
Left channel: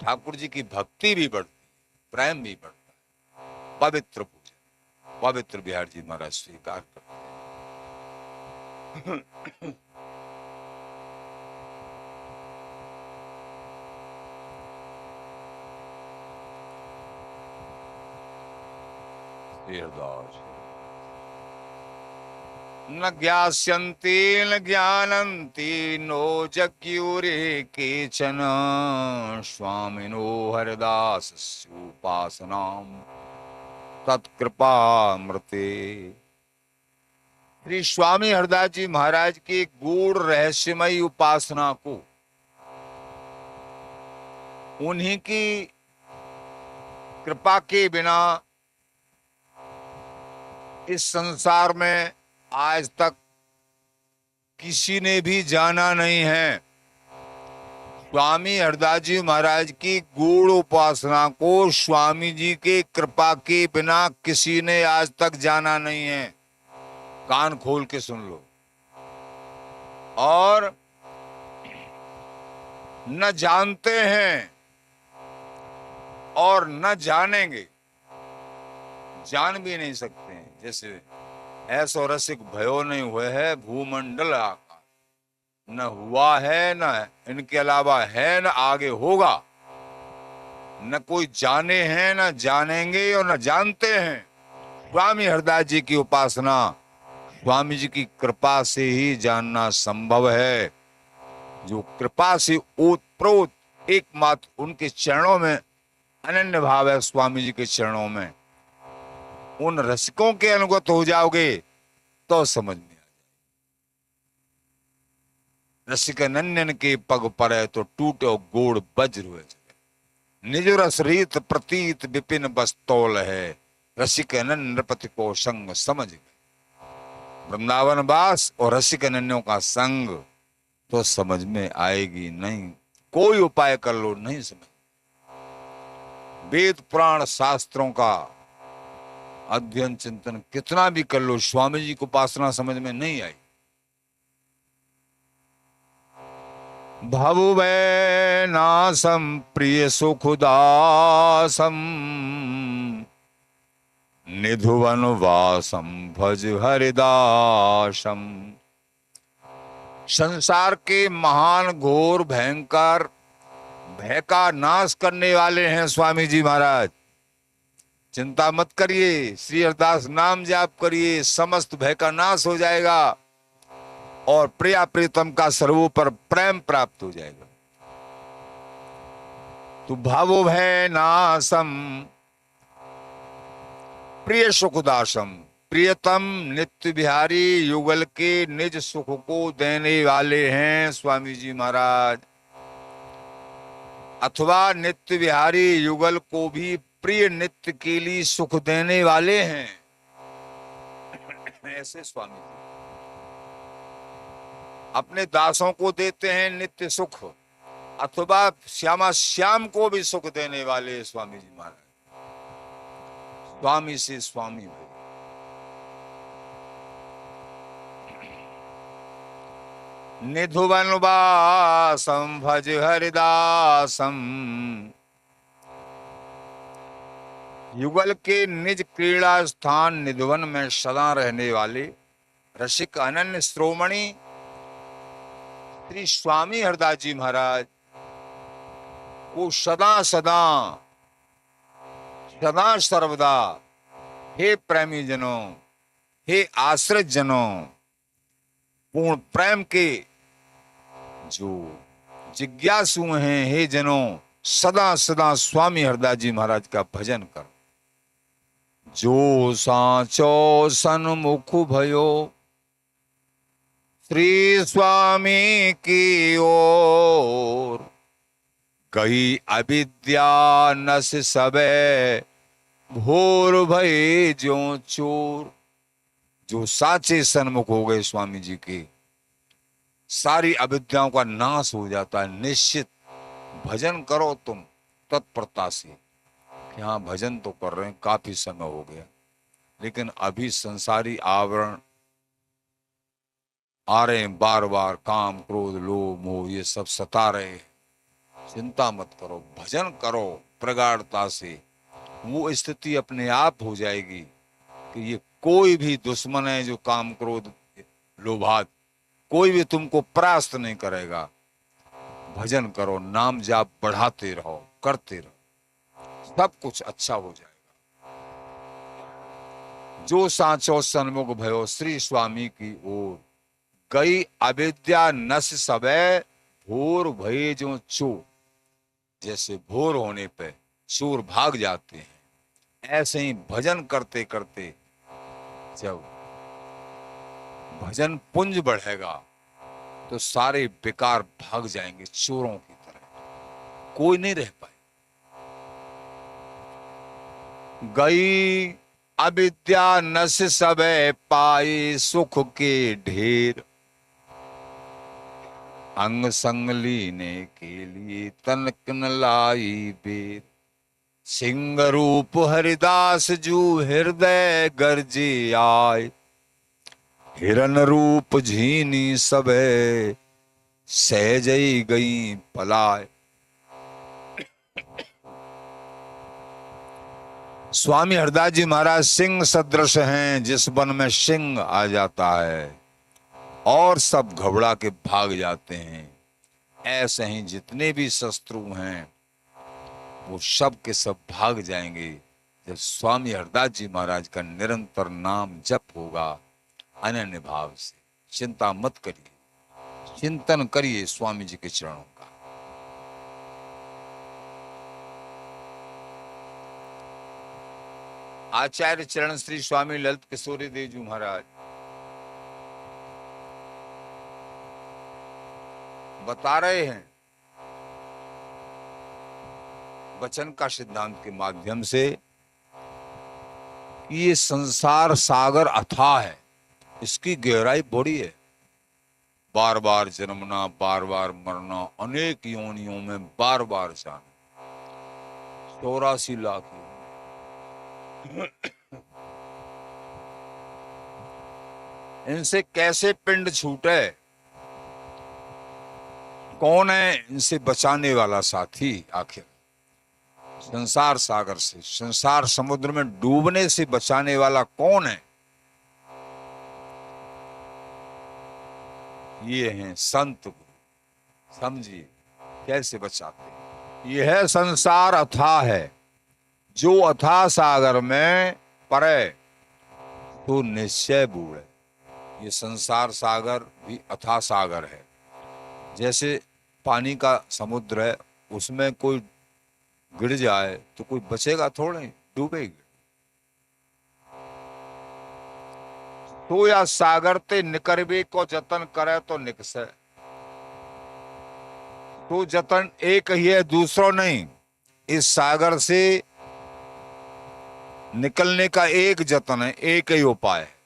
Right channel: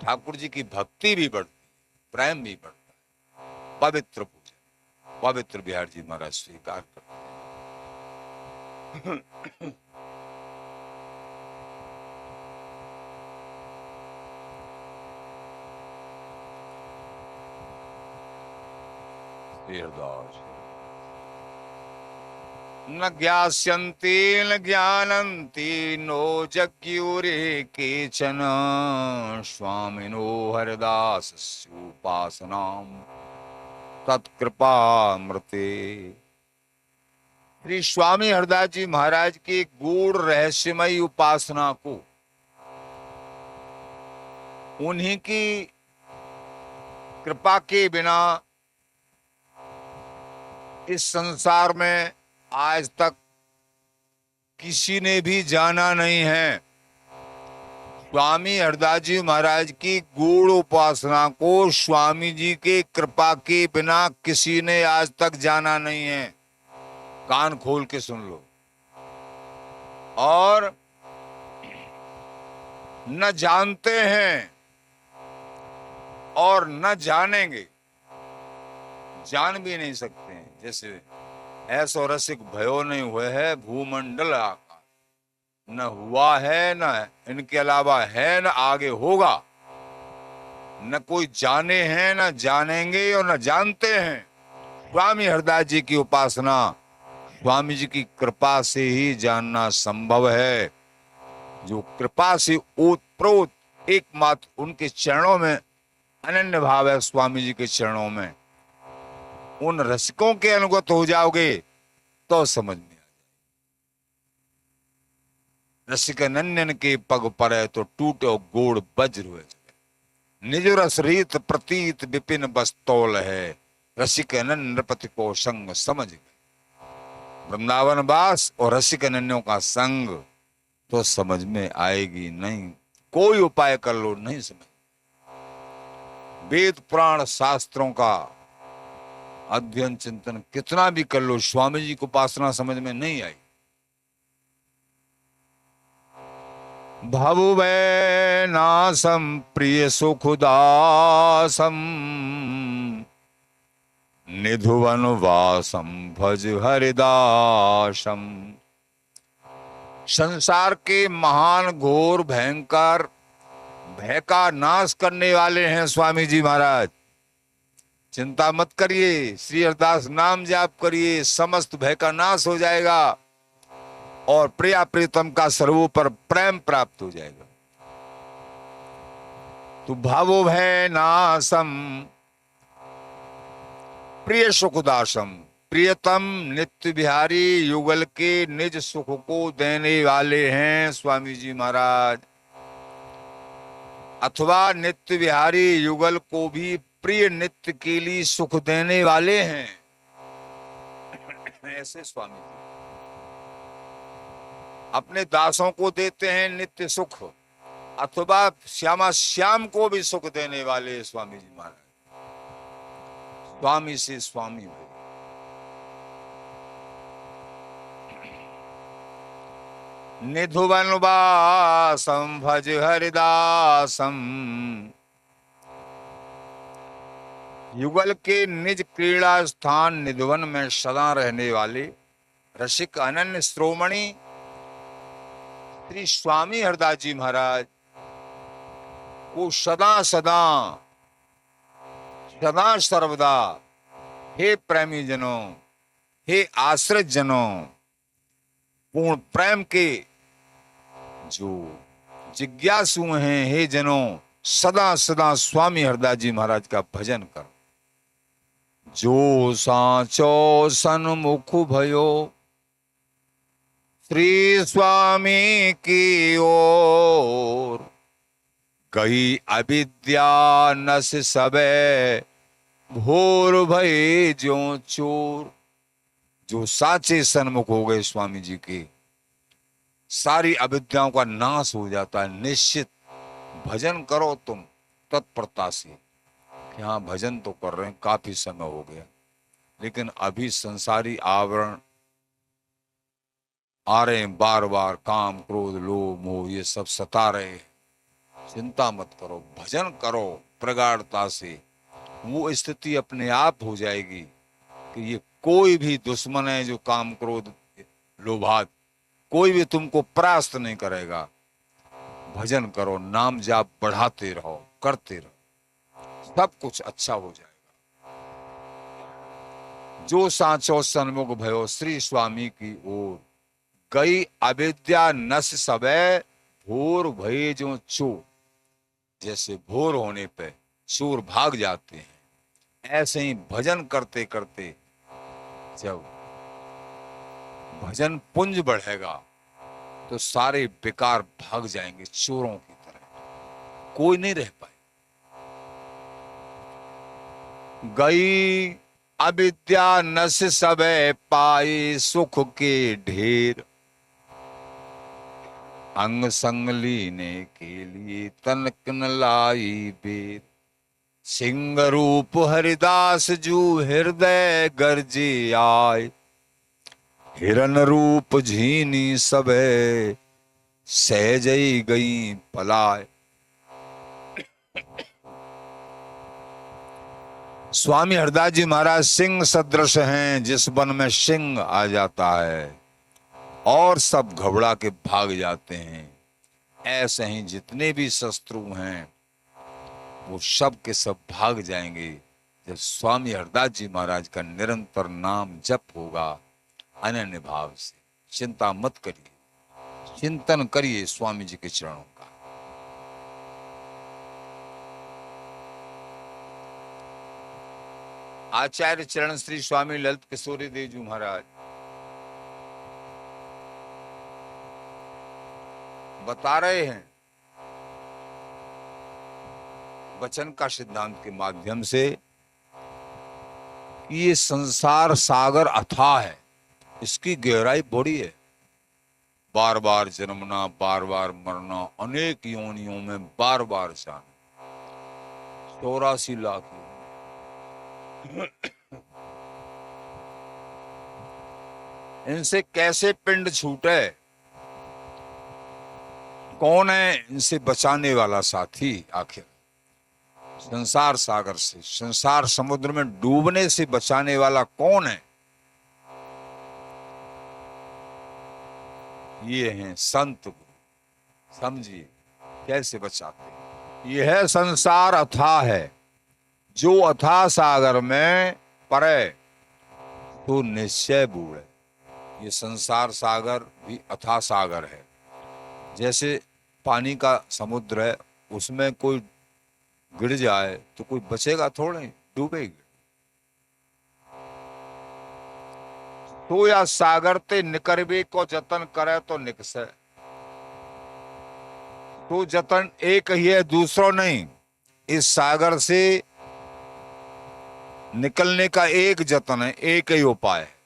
ठाकुर जी की भक्ति भी बढ़ती है, प्रेम भी बढ़ता है। पवित्र पूजन, पवित्र बिहार जी महाराज स्वीकार करते हैं। न ज्ञास्यन्ति न ज्ञानन्ति नो जज्ञुरे केचन स्वामिनो हरिदासस्योपासनां तत्कृपामृते। श्री स्वामी हरिदास जी महाराज की गूढ़ रहस्यमयी उपासना को, उन्हीं की कृपा के बिना इस संसार में आज तक किसी ने भी जाना नहीं है। स्वामी हरिदास जी महाराज की गूढ़ उपासना को स्वामी जी के कृपा के बिना किसी ने आज तक जाना नहीं है। कान खोल के सुन लो। और न जानते हैं और न जानेंगे, जान भी नहीं सकते हैं। जैसे ऐसो रसिक भयो नहीं हुए है भूमंडल आकार, न हुआ है न इनके अलावा है न आगे होगा। न कोई जाने हैं न जानेंगे और न जानते हैं। स्वामी हरिदास जी की उपासना स्वामी जी की कृपा से ही जानना संभव है। जो कृपा से ओतप्रोत एकमात्र उनके चरणों में अनन्य भाव है, स्वामी जी के चरणों में, उन रसिकों के अनुगत हो जाओगे तो समझ में आ जाए। रसिक नन्यन के पग परे तो टूटो गोड़ वज्र हुए। निज रस रीत प्रतीत विपिन बस्तौल है, रसिक नन्य नृपति को संग समझ। वृंदावन वास और रसिक नन्यों का संग तो समझ में आएगी नहीं। कोई उपाय कर लो नहीं समझ। वेद पुराण शास्त्रों का अध्ययन चिंतन कितना भी कर लो, स्वामी जी को उपासना समझ में नहीं आई। भवुवै नासम प्रिय सुखदासम निधुवन वासम भज हरिदासम। संसार के महान घोर भयंकर भय का नाश करने वाले हैं स्वामी जी महाराज। चिंता मत करिए, श्री हरिदास नाम जाप करिए, समस्त भय का नाश हो जाएगा और प्रिया प्रीतम का सर्वोपर प्रेम प्राप्त हो जाएगा। तो भावो है नासम प्रिय सुखदासम, प्रियतम नित्य बिहारी युगल के निज सुख को देने वाले हैं स्वामी जी महाराज, अथवा नित्य बिहारी युगल को भी प्रिय नित्य के लिए सुख देने वाले हैं, ऐसे स्वामी जी अपने दासों को देते हैं नित्य सुख, अथवा श्यामा श्याम को भी सुख देने वाले हैं स्वामी जी महाराज। स्वामी से स्वामी भी। निधुवन वासम भज हरिदासम, युगल के निज क्रीड़ा स्थान निधुवन में सदा रहने वाले रसिक अनन्य श्रोमणी श्री स्वामी हरदास जी महाराज को सदा सदा सदा सर्वदा हे प्रेमी जनों, हे आश्रित जनों, पूर्ण प्रेम के जो जिज्ञासु हैं, हे जनों, सदा सदा स्वामी हरदास जी महाराज का भजन करो। जो सांचो सन्मुख भयो श्री स्वामी की ओर, गई अविद्या नस सबे भोर भई जो चोर। जो साचे सन्मुख हो गए स्वामी जी के, सारी अविद्याओं का नाश हो जाता है। निश्चित भजन करो तुम तत्परता से। यहाँ भजन तो कर रहे हैं, काफी समय हो गया, लेकिन अभी संसारी आवरण आ रहे हैं बार बार, काम क्रोध लोभ मोह ये सब सता रहे हैं। चिंता मत करो, भजन करो प्रगाढ़ता से, वो स्थिति अपने आप हो जाएगी कि ये कोई भी दुश्मन है जो काम क्रोध लोभात, कोई भी तुमको परास्त नहीं करेगा। भजन करो, नाम जाप बढ़ाते रहो, करते रहो, सब कुछ अच्छा हो जाएगा। जो सांचो सन्मुख भयो श्री स्वामी की ओर, गई अविद्या नस सबे भोर भये जो चोर। जैसे भोर होने पे चोर भाग जाते हैं, ऐसे ही भजन करते करते जब भजन पुंज बढ़ेगा तो सारे बेकार भाग जाएंगे चोरों की तरह, कोई नहीं रह पाए। गई अविद्या नस सबे पाए सुख के ढेर, अंग संग लीने के लिए तनक न लाई बेर। सिंह रूप हरिदास जू हृदय गर्जे आए, हिरन रूप झीनी सबे सहजई गई पलाय। स्वामी हरदास जी महाराज सिंह सदृश हैं, जिस वन में सिंह आ जाता है और सब घबरा के भाग जाते हैं, ऐसे ही जितने भी शत्रु हैं वो सब के सब भाग जाएंगे जब स्वामी हरदास जी महाराज का निरंतर नाम जप होगा अनन्य भाव से। चिंता मत करिए, चिंतन करिए स्वामी जी के चरणों का। आचार्य चरण श्री स्वामी ललित किशोरी देव जी महाराज बता रहे हैं वचन का सिद्धांत के माध्यम से कि ये संसार सागर अथाह है, इसकी गहराई बड़ी है। बार बार जन्मना, बार बार मरना, अनेक योनियों में बार बार जाना, 84 लाख। इनसे कैसे पिंड छूटे? कौन है इनसे बचाने वाला साथी? आखिर संसार सागर से, संसार समुद्र में डूबने से बचाने वाला कौन है? ये हैं संत गुरु। समझिए कैसे बचाते हैं। यह संसार अथाह है, जो अथाह सागर में पड़े तो निश्चय बूढ़े। ये संसार सागर भी अथाह सागर है। जैसे पानी का समुद्र है, उसमें कोई गिर जाए तो कोई बचेगा थोड़े, डूबेगी। तो या सागर ते निकरबे को जतन करे तो निकसे। तो जतन एक ही है, दूसरों नहीं। इस सागर से निकलने का एक जतन है, एक ही उपाय है।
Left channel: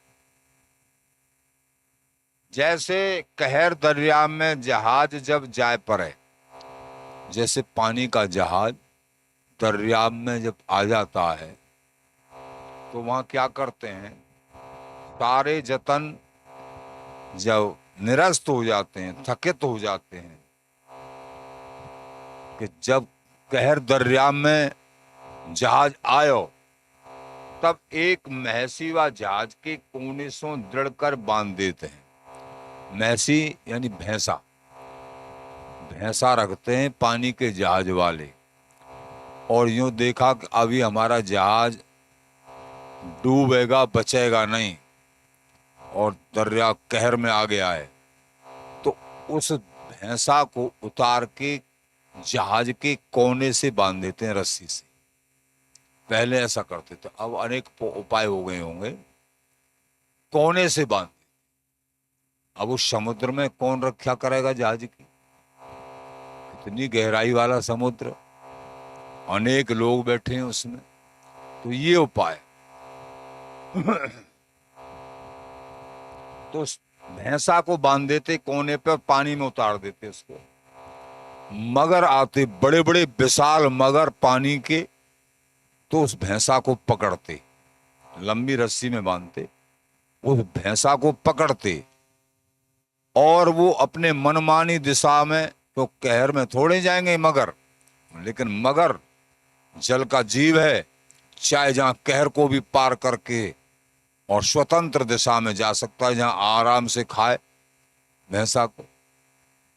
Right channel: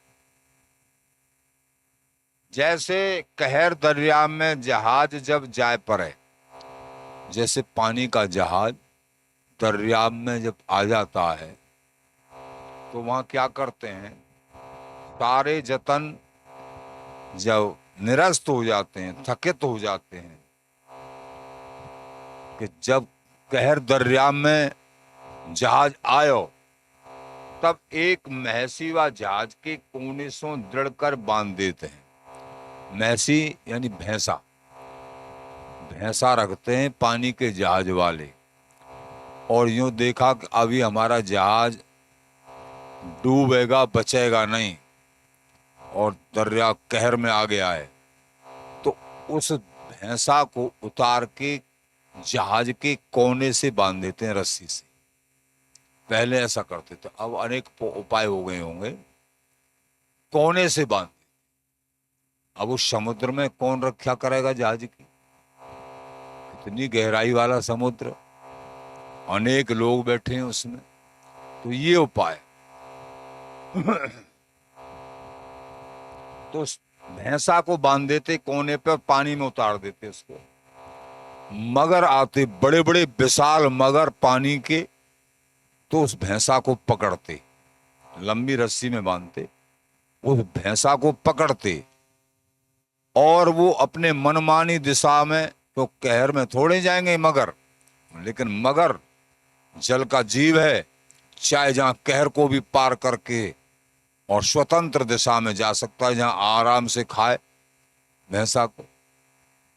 जैसे कहर दरिया में जहाज जब जाए पड़े, जैसे पानी का जहाज दरिया में जब आ जाता है तो वहां क्या करते हैं, सारे जतन जब निरस्त हो जाते हैं, थकित हो जाते हैं, कि जब कहर दरिया में जहाज आयो तब एक महसी व जहाज के कोने से दृढ़ कर बांध देते हैं। महसी यानी भैंसा, भैंसा रखते हैं पानी के जहाज वाले, और यूं देखा कि अभी हमारा जहाज डूबेगा, बचेगा नहीं और दरिया कहर में आ गया है, तो उस भैंसा को उतार के जहाज के कोने से बांध देते हैं रस्सी से। पहले ऐसा करते थे, अब अनेक उपाय हो गए होंगे। कोने से बांध, अब उस समुद्र में कौन रक्षा करेगा जहाज की, इतनी गहराई वाला समुद्र, अनेक लोग बैठे हैं उसमें। तो ये उपाय तो उस भैंसा को बांध देते कोने पे और पानी में उतार देते उसको। मगर आते, बड़े बड़े विशाल मगर पानी के, तो उस भैंसा को पकड़ते, लंबी रस्सी में बांधते, उस भैंसा को पकड़ते, और वो अपने मनमानी दिशा में, तो कहर में थोड़े जाएंगे मगर, लेकिन मगर जल का जीव है, चाहे जहां कहर को भी पार करके और स्वतंत्र दिशा में जा सकता है, जहां आराम से खाए भैंसा को।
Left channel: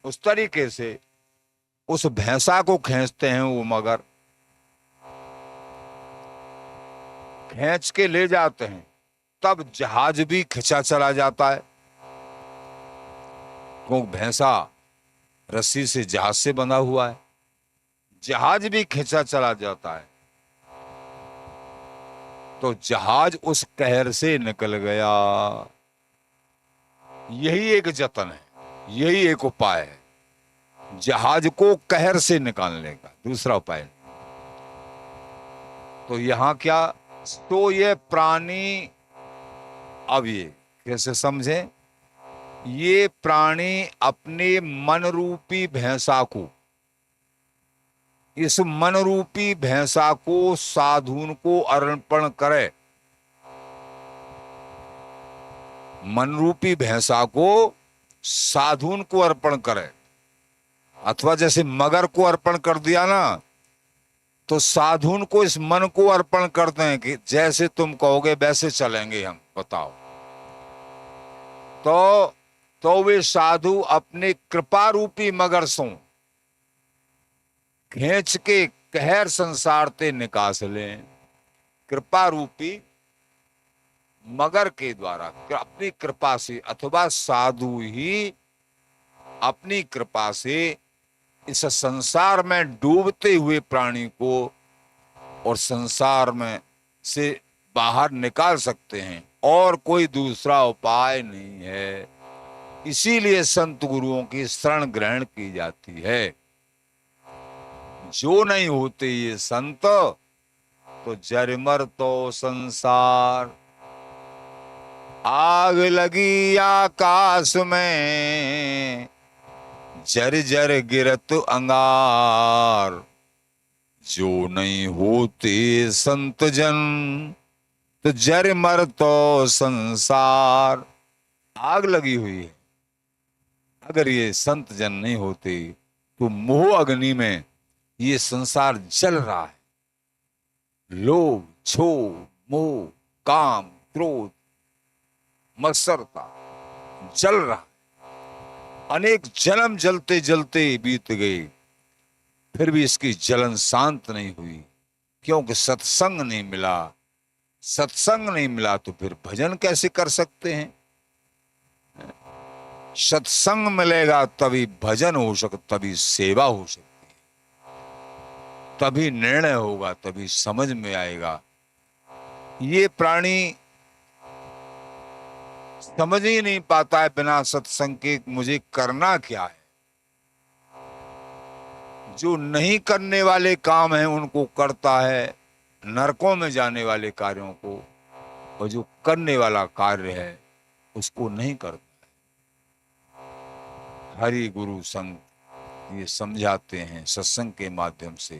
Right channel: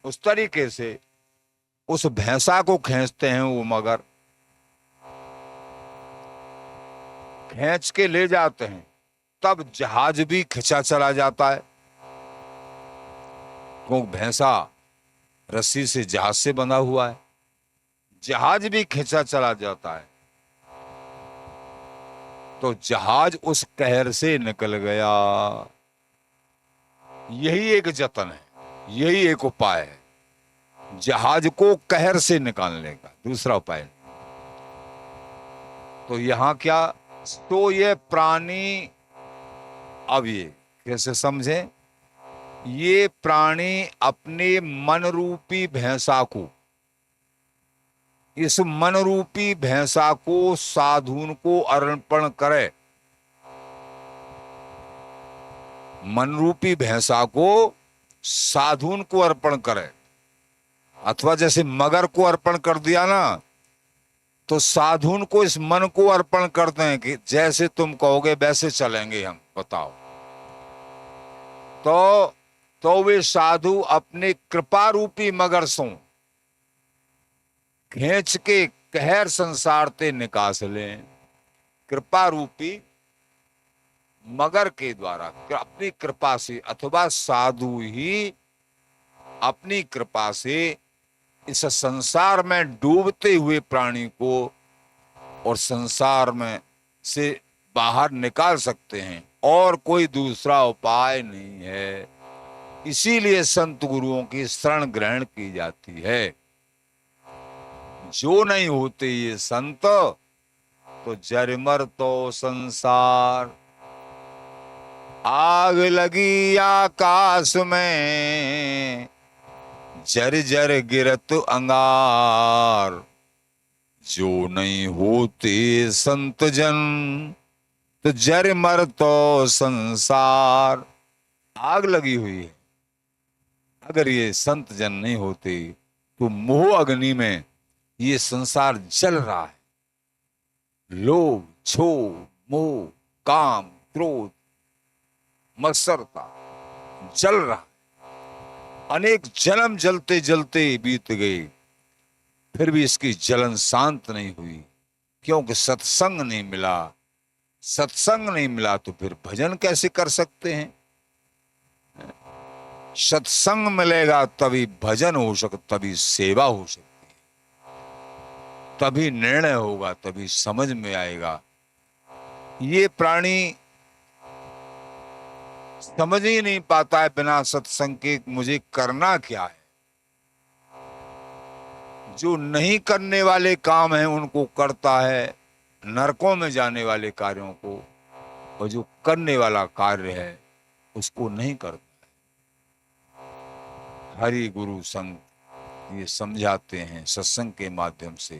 उस तरीके से उस भैंसा को खींचते हैं वो मगर, खींच के ले जाते हैं, तब जहाज भी खिंचा चला जाता है, क्योंकि भैंसा रस्सी से जहाज से बंधा हुआ है, जहाज भी खिंचा चला जाता है। तो जहाज उस कहर से निकल गया। यही एक जतन है, यही एक उपाय है, जहाज को कहर से निकालने का, दूसरा उपाय नहीं। तो यहां क्या, तो ये प्राणी, अब ये कैसे समझे, ये प्राणी अपने मन रूपी भैंसा को, इस मन रूपी भैंसा को साधुन को अर्पण करे, मन रूपी भैंसा को साधुन को अर्पण करे, अथवा जैसे मगर को अर्पण कर दिया ना, तो साधुन को इस मन को अर्पण करते हैं कि जैसे तुम कहोगे वैसे चलेंगे हम, बताओ। तो वे साधु अपने कृपा रूपी मगर सो खींच के कहर संसार ते निकास लें। कृपा रूपी मगर के द्वारा, अपनी कृपा से, अथवा साधु ही अपनी कृपा से इस संसार में डूबते हुए प्राणी को और संसार में से बाहर निकाल सकते हैं, और कोई दूसरा उपाय नहीं है। इसीलिए संत गुरुओं की शरण ग्रहण की जाती है। जो नहीं होते ये संत, तो जरमर तो संसार, आग लगी आकाश में, जर जर गिरत अंगार। जो नहीं होते संत जन, तो जर मर तो संसार। आग लगी हुई है, अगर ये संत जन नहीं होते तो मोह अग्नि में ये संसार जल रहा है। लोभ, क्षोभ, मोह, काम, क्रोध, मत्सरता जल रहा है। अनेक जन्म जलते जलते बीत गए, फिर भी इसकी जलन शांत नहीं हुई, क्योंकि सत्संग नहीं मिला। सत्संग नहीं मिला तो फिर भजन कैसे कर सकते हैं। सत्संग मिलेगा तभी भजन हो सकता, तभी सेवा हो सकती है, तभी निर्णय होगा, तभी समझ में आएगा। ये प्राणी समझ ही नहीं पाता है बिना सत्संग के मुझे करना क्या है। जो नहीं करने वाले काम हैं उनको करता है, नरकों में जाने वाले कार्यों को, और जो करने वाला कार्य है उसको नहीं करता। हरि गुरु संग ये समझाते हैं सत्संग के माध्यम से,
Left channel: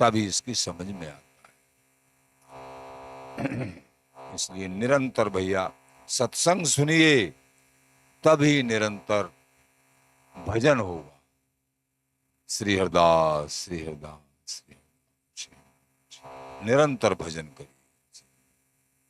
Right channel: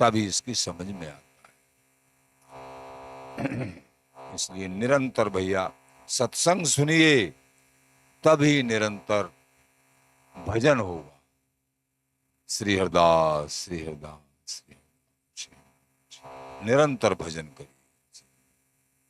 तभी इसकी समझ में आता है। इसलिए निरंतर भैया सत्संग सुनिए, तभी निरंतर भजन होगा। श्री हरदास श्री हरदास श्री हरदास। निरंतर भजन करिए।